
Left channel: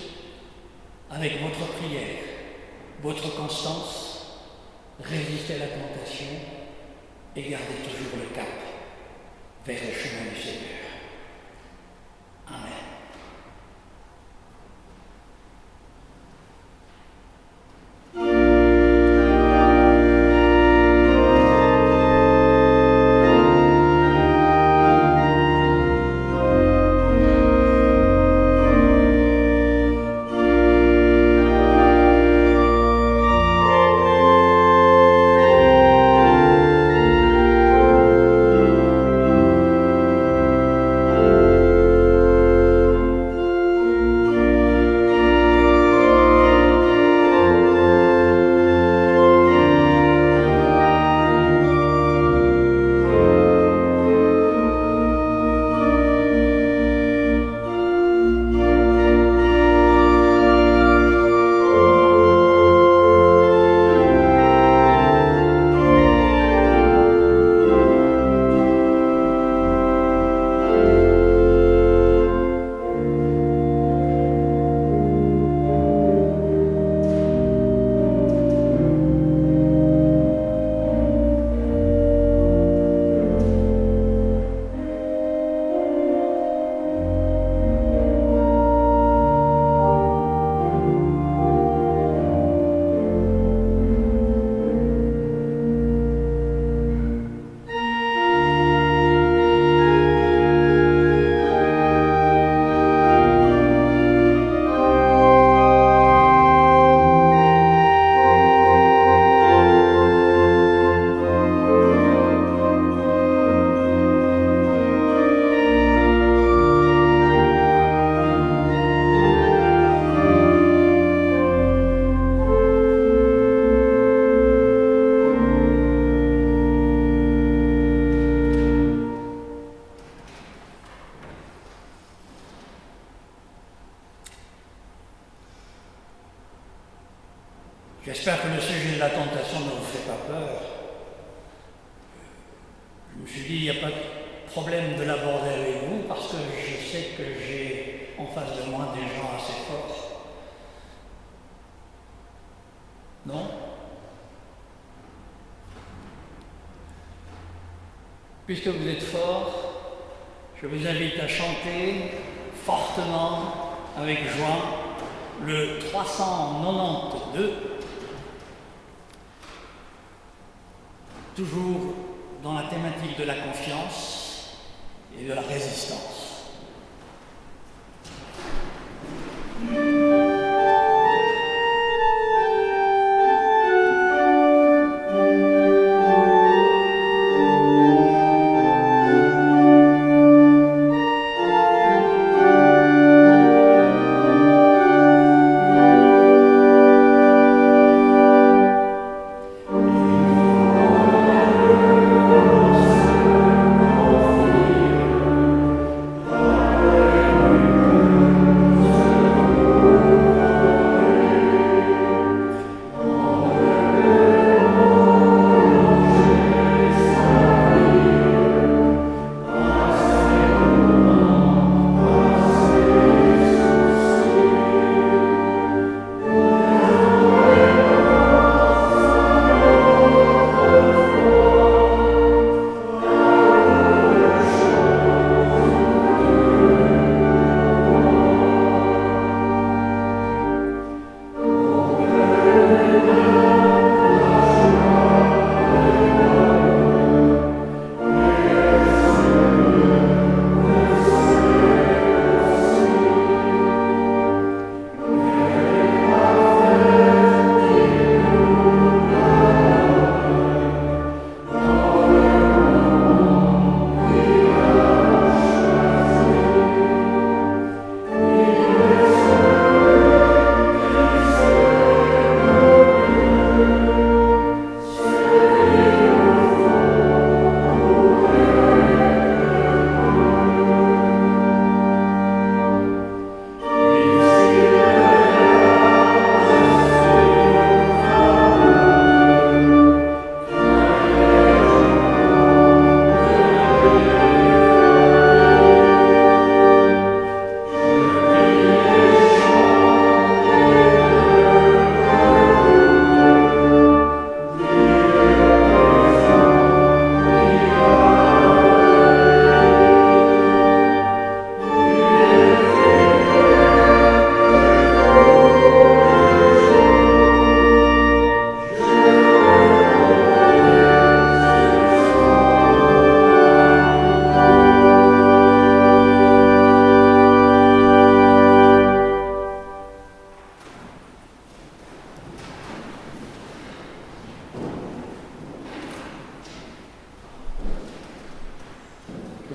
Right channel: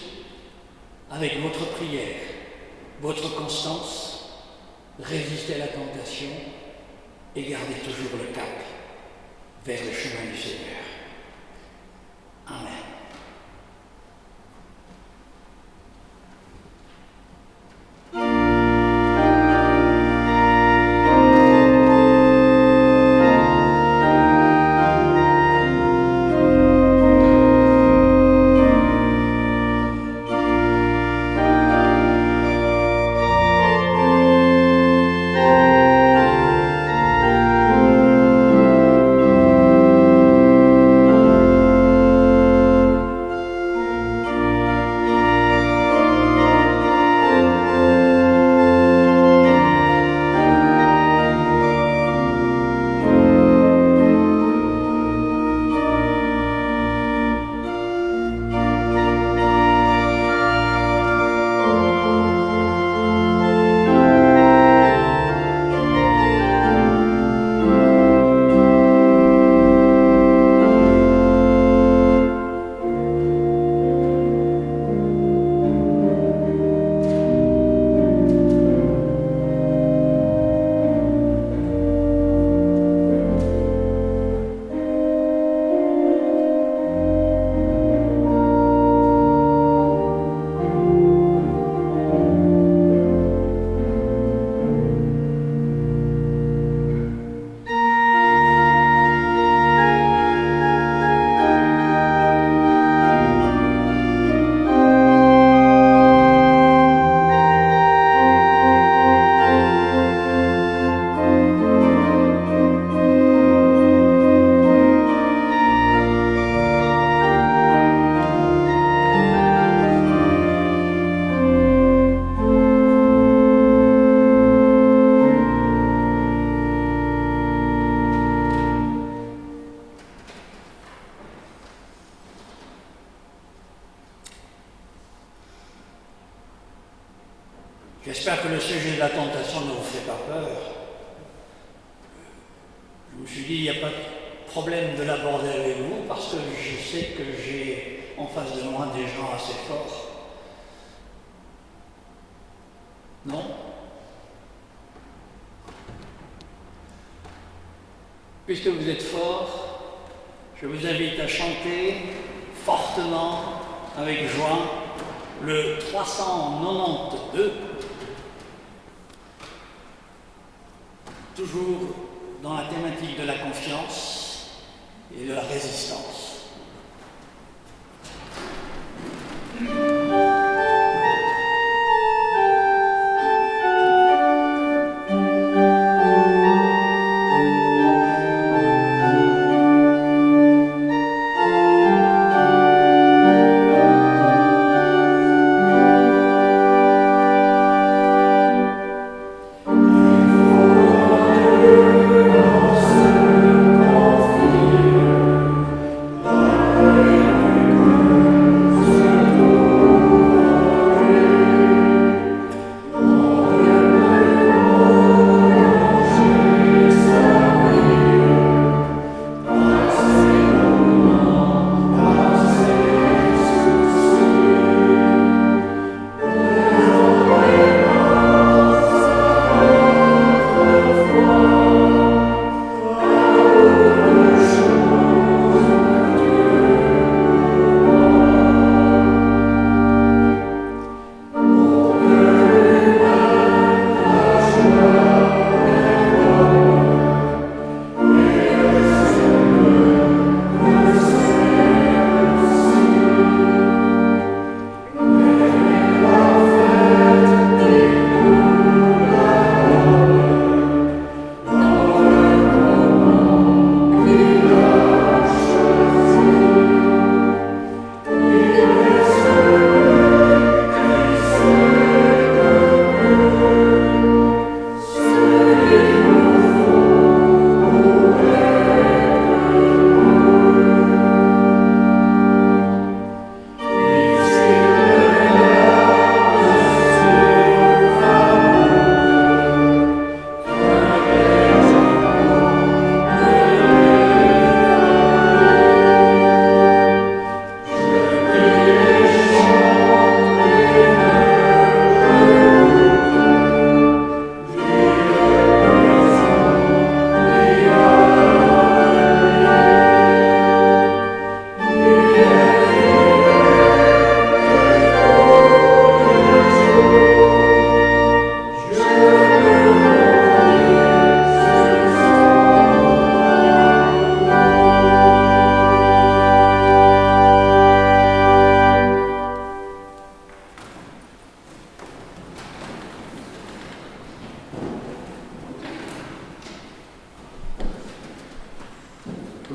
avec votre prière, votre constance, résister à la tentation et garder toujours le cap vers le chemin du Seigneur. Amen. J'espère que le sujet de la tentation ne vous fait pas peur. Je me suis dit, il n'y a pas de problème de l'aborder avec vous parce que je sais que j'ai en face de moi des gens assez forts. Non? Puisque vous êtes forts, je vous invite à chanter fortement, avec joie, le 392, toujours dans la thématique de la confiance et de la résistance.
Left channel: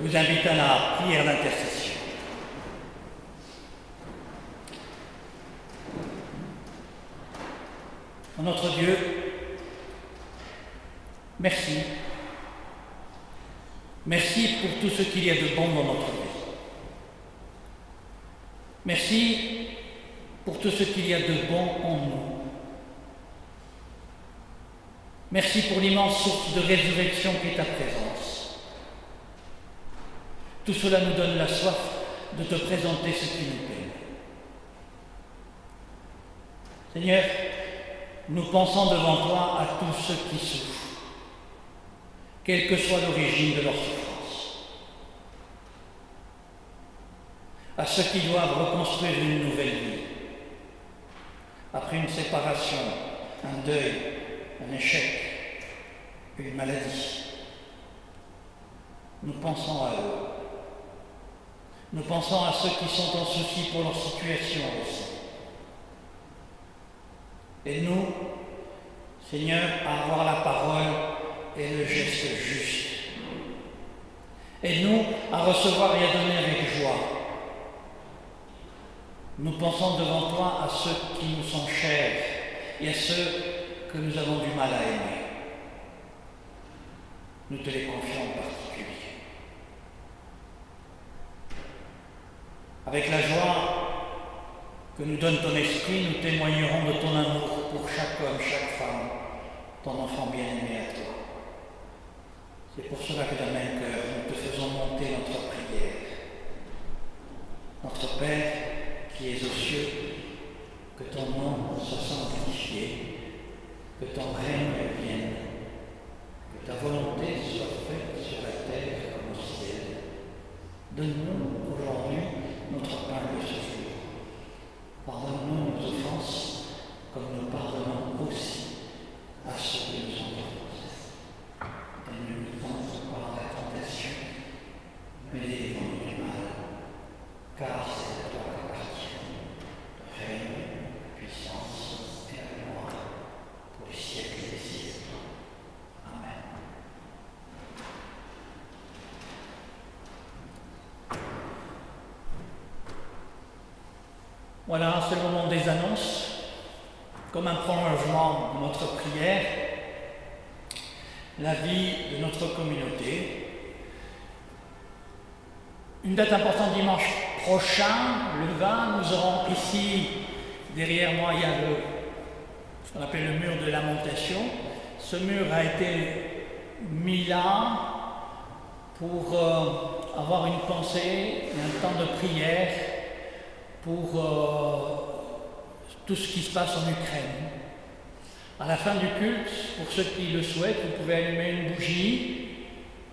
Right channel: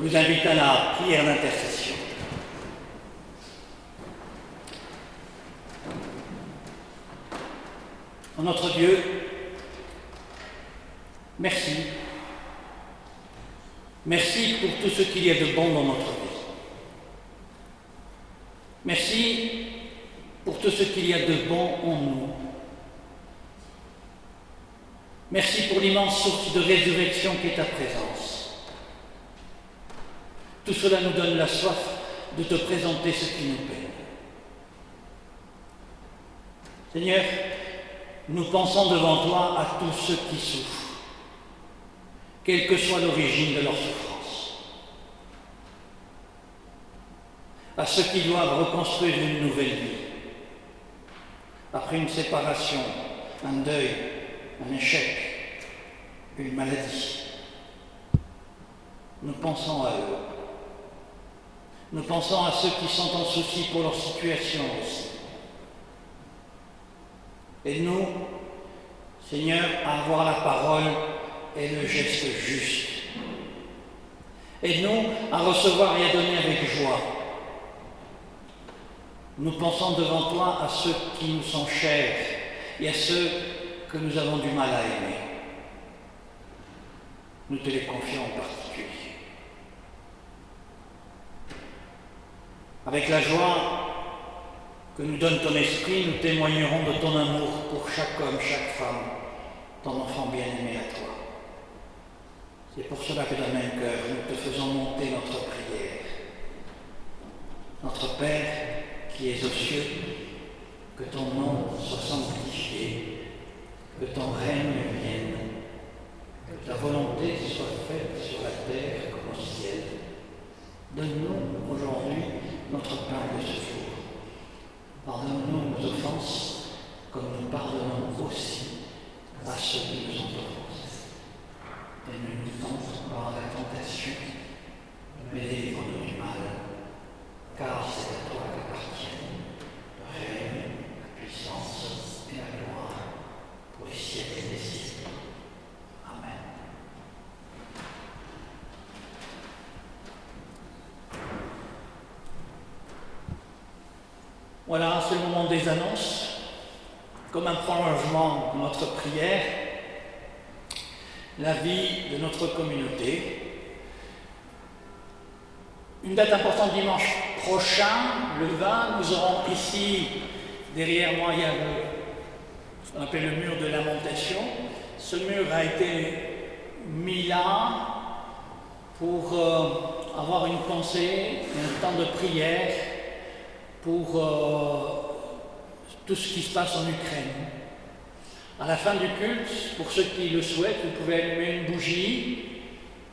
vous invite à la prière d'intercession. Notre Dieu, merci. Merci pour tout ce qu'il y a de bon dans notre vie. Merci pour tout ce qu'il y a de bon en nous. Merci pour l'immense source de résurrection qui est ta présence. Tout cela nous donne la soif de te présenter ce qui nous peine. Seigneur, nous pensons devant toi à tous ceux qui souffrent, quelle que soit l'origine de leur souffrance, à ceux qui doivent reconstruire une nouvelle vie, après une séparation, un deuil, un échec, une maladie. Nous pensons à eux. Nous pensons à ceux qui sont en souci pour leur situation aussi. Aide-nous, Seigneur, à avoir la parole et le geste juste. Aide-nous à recevoir et à donner avec joie. Nous pensons devant toi à ceux qui nous sont chers et à ceux que nous avons du mal à aimer. Nous te les confions en particulier. Avec la joie que nous donne ton esprit, nous témoignerons de ton amour pour chaque homme, chaque femme, ton enfant bien-aimé à toi. C'est pour cela que d'un même cœur, nous te faisons monter notre prière. Notre Père, qui es aux cieux, que ton nom soit sanctifié, que ton règne vienne, que ta volonté soit faite sur la terre comme au ciel. Donne-nous aujourd'hui notre pain de ce jour. Pardonne-nous nos offenses, comme nous pardonnons aussi à ceux qui nous ont offensés. Et ne nous tente par la tentation, mais délivre-nous du mal, car c'est à toi qu'appartiennent le règne, la puissance et la gloire pour les siècles des siècles. Amen. Voilà, c'est le moment des annonces. Comme un prolongement de notre prière, la vie de notre communauté. Une date importante dimanche prochain, le 20, nous aurons ici, derrière moi, il y a ce qu'on appelle le mur de lamentation. Ce mur a été mis là pour avoir une pensée et un temps de prière pour tout ce qui se passe en Ukraine. À la fin du culte, pour ceux qui le souhaitent, vous pouvez allumer une bougie.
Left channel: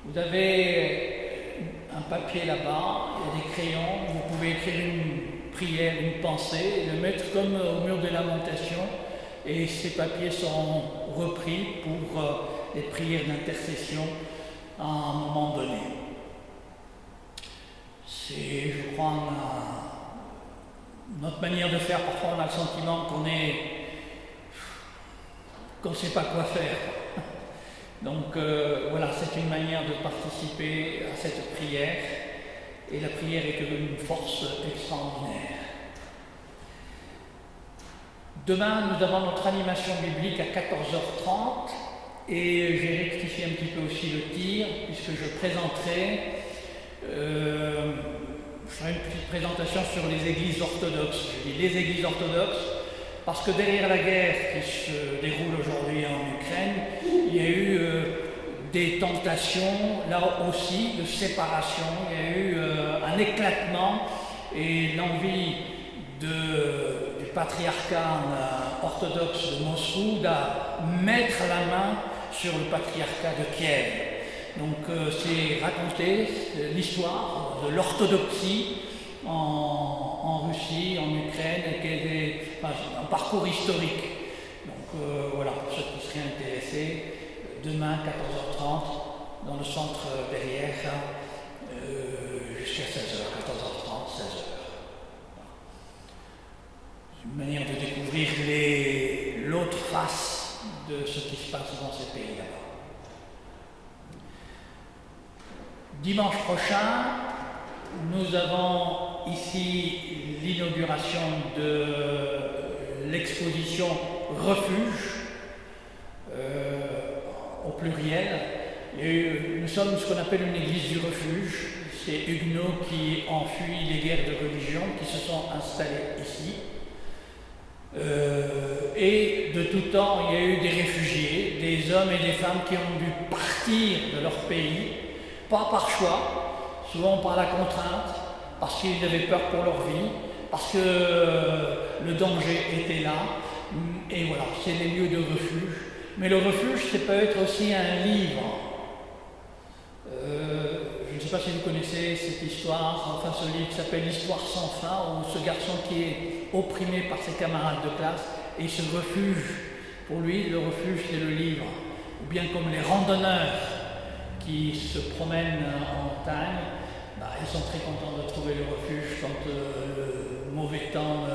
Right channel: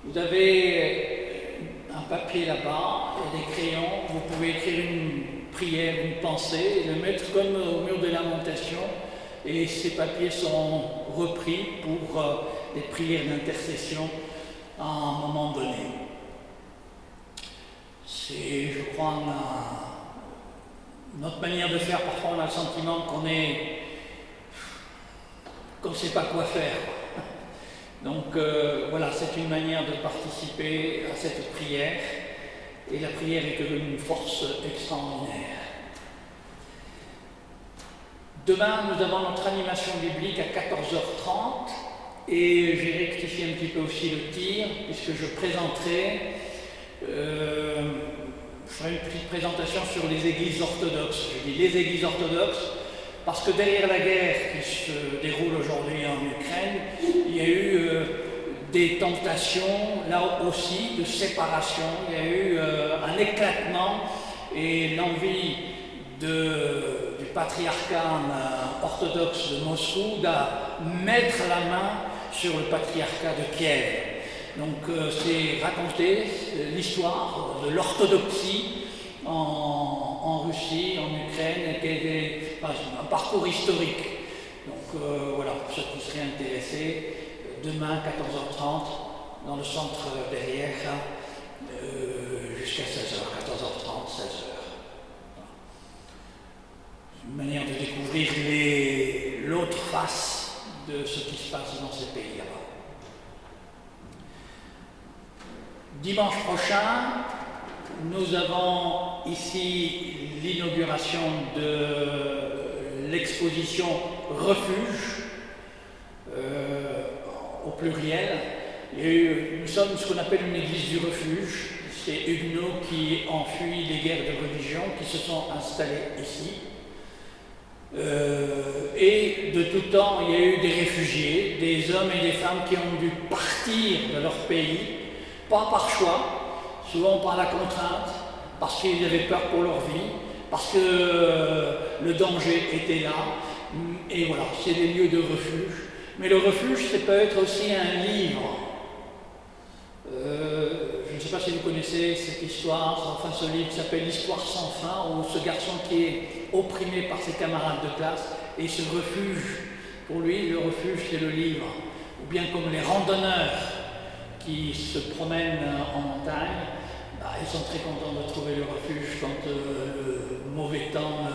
Vous avez un papier là-bas, il y a des crayons, vous pouvez écrire une prière, une pensée, et le mettre comme au mur de lamentation, et ces papiers seront repris pour des prières d'intercession à un moment donné. C'est, je crois, notre manière de faire. Parfois on a le sentiment qu'on ne sait pas quoi faire. Donc voilà, c'est une manière de participer à cette prière, et la prière est une force extraordinaire. Demain, nous avons notre animation biblique à 14h30, et j'ai rectifié un petit peu aussi le tir, puisque je présenterai, je ferai une petite présentation sur les églises orthodoxes. Je dis les églises orthodoxes, parce que derrière la guerre qui se déroule aujourd'hui en Ukraine, il y a eu des tentations, là aussi, de séparation. Il y a eu un éclatement, et l'envie du patriarcat orthodoxe de Moscou de mettre la main sur le patriarcat de Kiev. Donc c'est raconter l'histoire de l'orthodoxie en Russie, en Ukraine, et un parcours historique. Donc voilà, pour ceux qui seraient intéressés, demain 14h30 dans le centre derrière, jusqu'à 16h, 14h30, 16h. C'est une manière de découvrir l'autre face de ce qui se passe dans ces pays là-bas. Dimanche prochain, nous avons ici l'inauguration de l'exposition Refuge, au pluriel. Et nous sommes ce qu'on appelle une église du refuge. C'est Huguenots qui ont fui les guerres de religion, qui se sont installés ici. Et de tout temps, il y a eu des réfugiés, des hommes et des femmes qui ont dû partir de leur pays, pas par choix, souvent par la contrainte, parce qu'ils avaient peur pour leur vie, parce que le danger était là. Et voilà, c'est des lieux de refuge. Mais le refuge, ça peut être aussi un livre. Je ne sais pas si vous connaissez cette histoire, enfin ce livre qui s'appelle L'Histoire sans fin, où ce garçon qui est opprimé par ses camarades de classe et se refuge. Pour lui, le refuge, c'est le livre. Ou bien comme les randonneurs qui se promènent en montagne, ils sont très contents de trouver le refuge quand le mauvais temps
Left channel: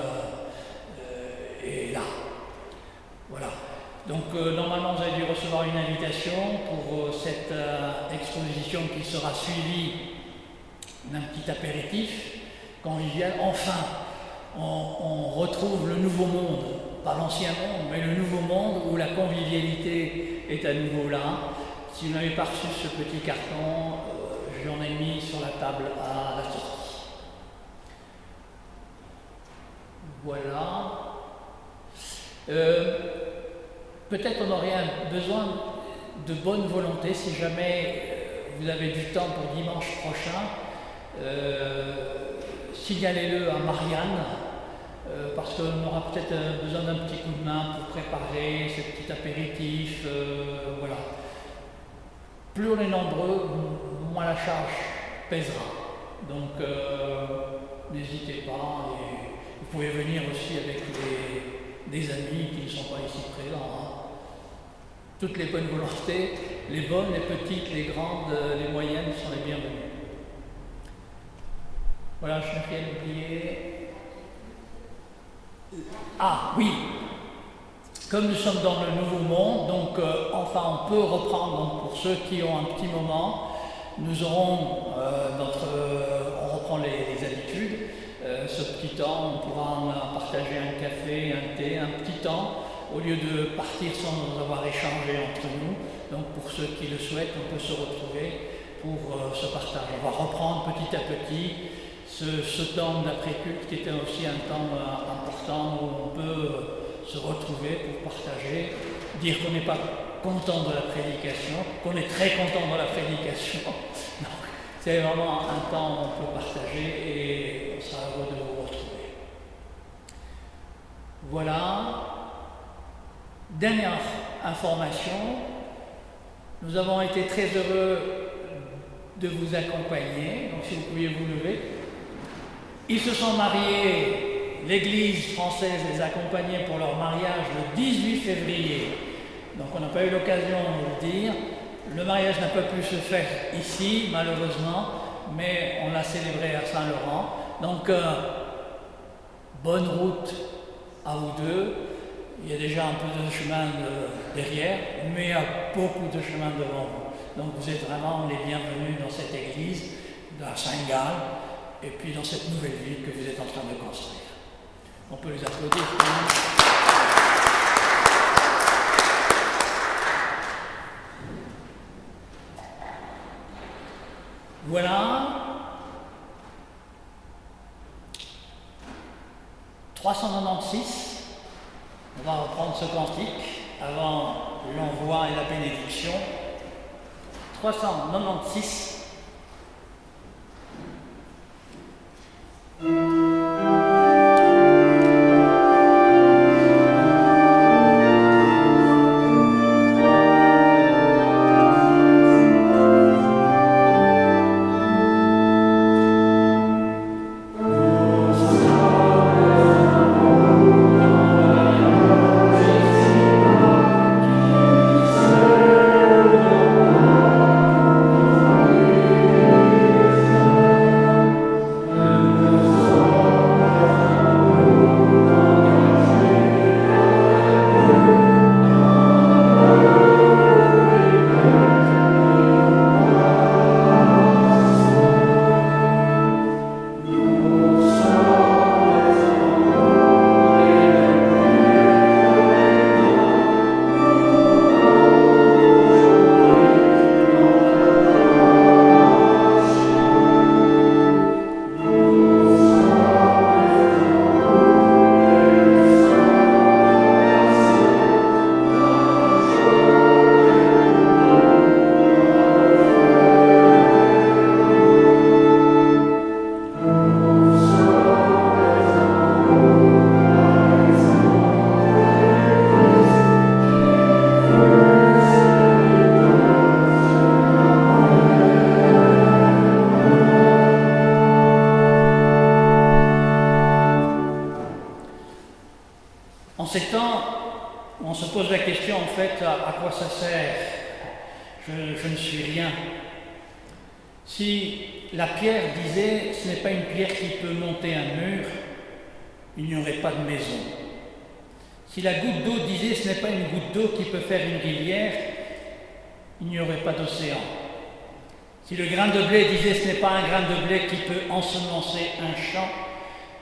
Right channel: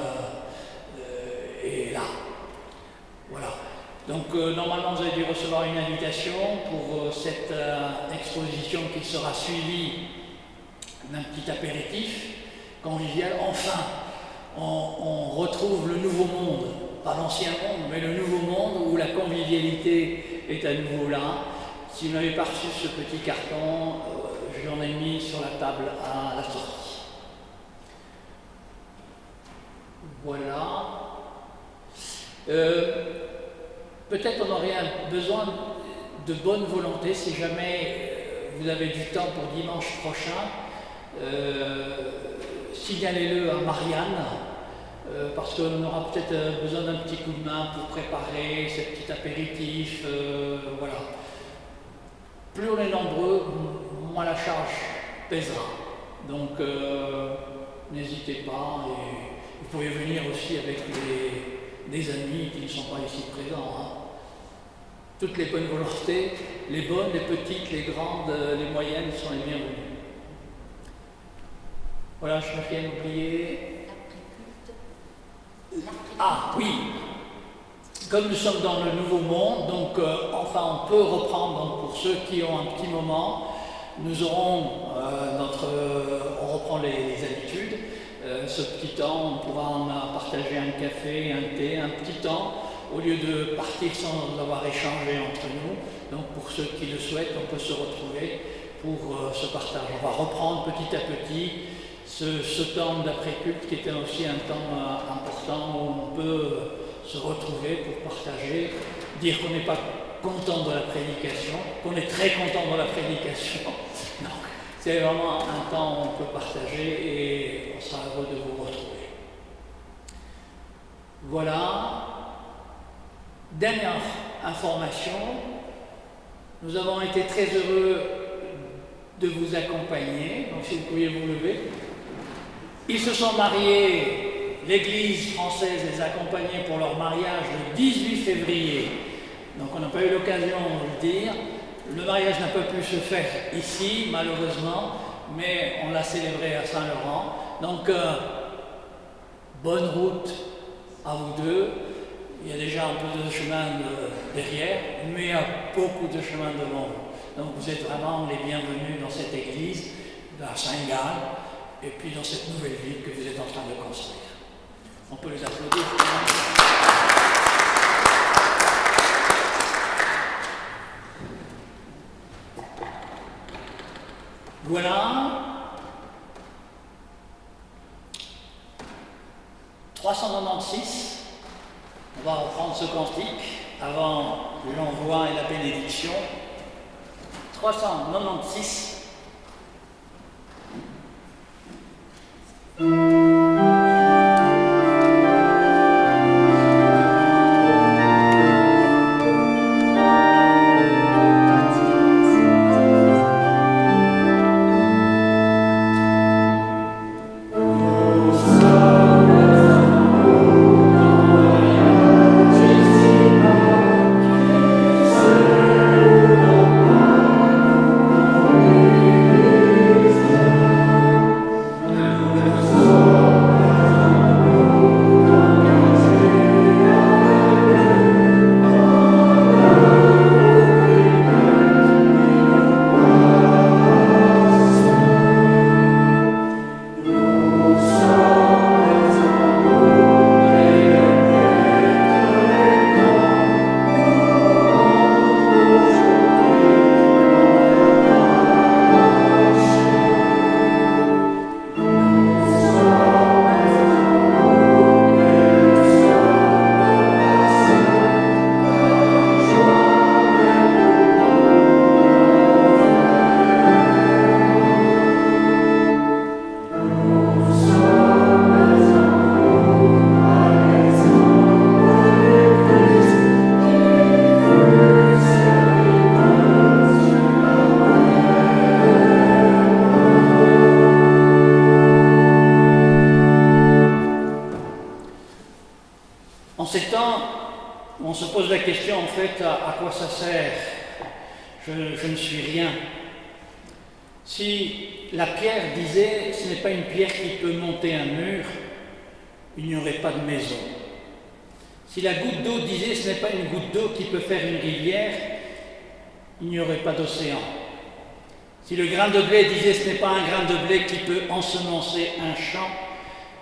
est là. Voilà. Donc normalement vous avez dû recevoir une invitation pour cette exposition qui sera suivie d'un petit apéritif convivial. Enfin, on retrouve le nouveau monde, pas l'ancien monde, mais le nouveau monde où la convivialité est à nouveau là. Si vous n'avez pas reçu ce petit carton, je l'en ai mis sur la table à la sortie. Voilà. Peut-être on aurait besoin de bonne volonté si jamais vous avez du temps pour dimanche prochain. Signalez-le à Marianne, parce qu'on aura peut-être besoin d'un petit coup de main pour préparer ce petit apéritif. Voilà. Plus on est nombreux, moins la charge pèsera. Donc n'hésitez pas. Et vous pouvez venir aussi avec des amis qui ne sont pas ici présents. Hein. Toutes les bonnes volontés, les bonnes, les petites, les grandes, les moyennes sont les bienvenues. Voilà, je n'ai rien oublié. Ah oui, comme nous sommes dans le nouveau monde, donc enfin on peut reprendre, donc, pour ceux qui ont un petit moment, nous aurons on reprend les habitudes. Ce petit temps, on pourra partager un café, un thé, un petit temps, au lieu de partir sans avoir échangé entre nous. Donc pour ceux qui le souhaitent, on peut se retrouver pour ce partage. On va reprendre petit à petit ce temps d'après-culte qui était aussi un temps important où on peut se retrouver pour partager, dire qu'on n'est pas content de la prédication, qu'on est très content de la prédication. Donc, c'est vraiment un temps où on peut partager et on sera heureux de vous retrouver. Voilà. Dernière information, nous avons été très heureux de vous accompagner, donc si vous pouviez vous lever. Ils se sont mariés, l'Église française les accompagnait pour leur mariage le 18 février, donc on n'a pas eu l'occasion de le dire. Le mariage n'a pas pu se faire ici, malheureusement, mais on l'a célébré à Saint-Laurent. Donc, bonne route à vous deux. Il y a déjà un peu de chemin derrière, mais il y a beaucoup de chemin devant vous. Donc, vous êtes vraiment les bienvenus dans cette église, à Saint-Gall, et puis dans cette nouvelle ville que vous êtes en train de construire. On peut les applaudir. Voilà. 396. On va reprendre ce cantique avant l'envoi et la bénédiction. 396. Oh fait, à quoi ça sert? Je ne suis rien. Si la pierre disait, ce n'est pas une pierre qui peut monter un mur, il n'y aurait pas de maison. Si la goutte d'eau disait, ce n'est pas une goutte d'eau qui peut faire une rivière, il n'y aurait pas d'océan. Si le grain de blé disait, ce n'est pas un grain de blé qui peut ensemencer un champ,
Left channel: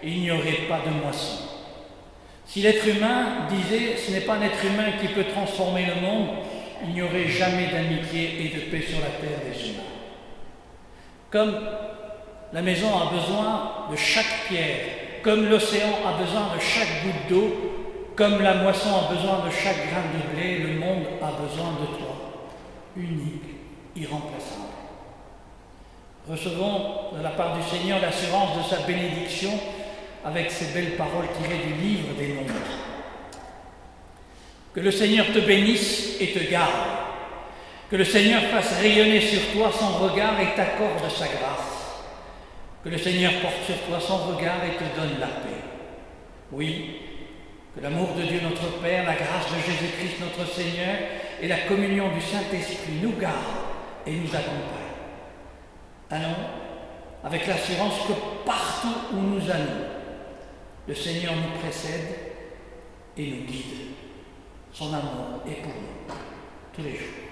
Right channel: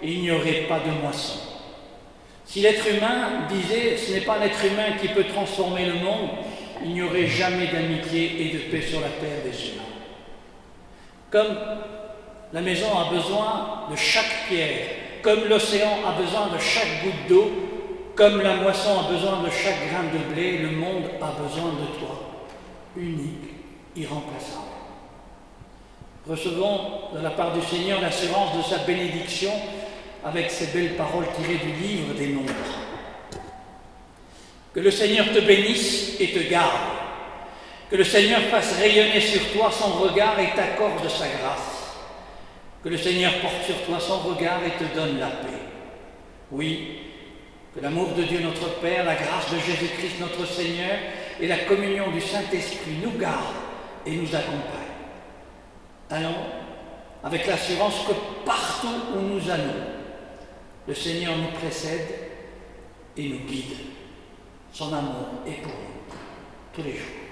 il n'y aurait pas de moisson. Si l'être humain disait, ce n'est pas un être humain qui peut transformer le monde, il n'y aurait jamais d'amitié et de paix sur la terre des humains. Comme la maison a besoin de chaque pierre, comme l'océan a besoin de chaque goutte d'eau, comme la moisson a besoin de chaque grain de blé, le monde a besoin de toi, unique, irremplaçable. Recevons de la part du Seigneur l'assurance de sa bénédiction avec ces belles paroles tirées du livre des Nombres. Que le Seigneur te bénisse et te garde. Que le Seigneur fasse rayonner sur toi son regard et t'accorde sa grâce. Que le Seigneur porte sur toi son regard et te donne la paix. Oui, que l'amour de Dieu notre Père, la grâce de Jésus-Christ notre Seigneur et la communion du Saint-Esprit nous gardent et nous accompagnent. Allons avec l'assurance que partout où nous allons, le Seigneur nous précède et nous guide. Son amour est pour nous tous les jours.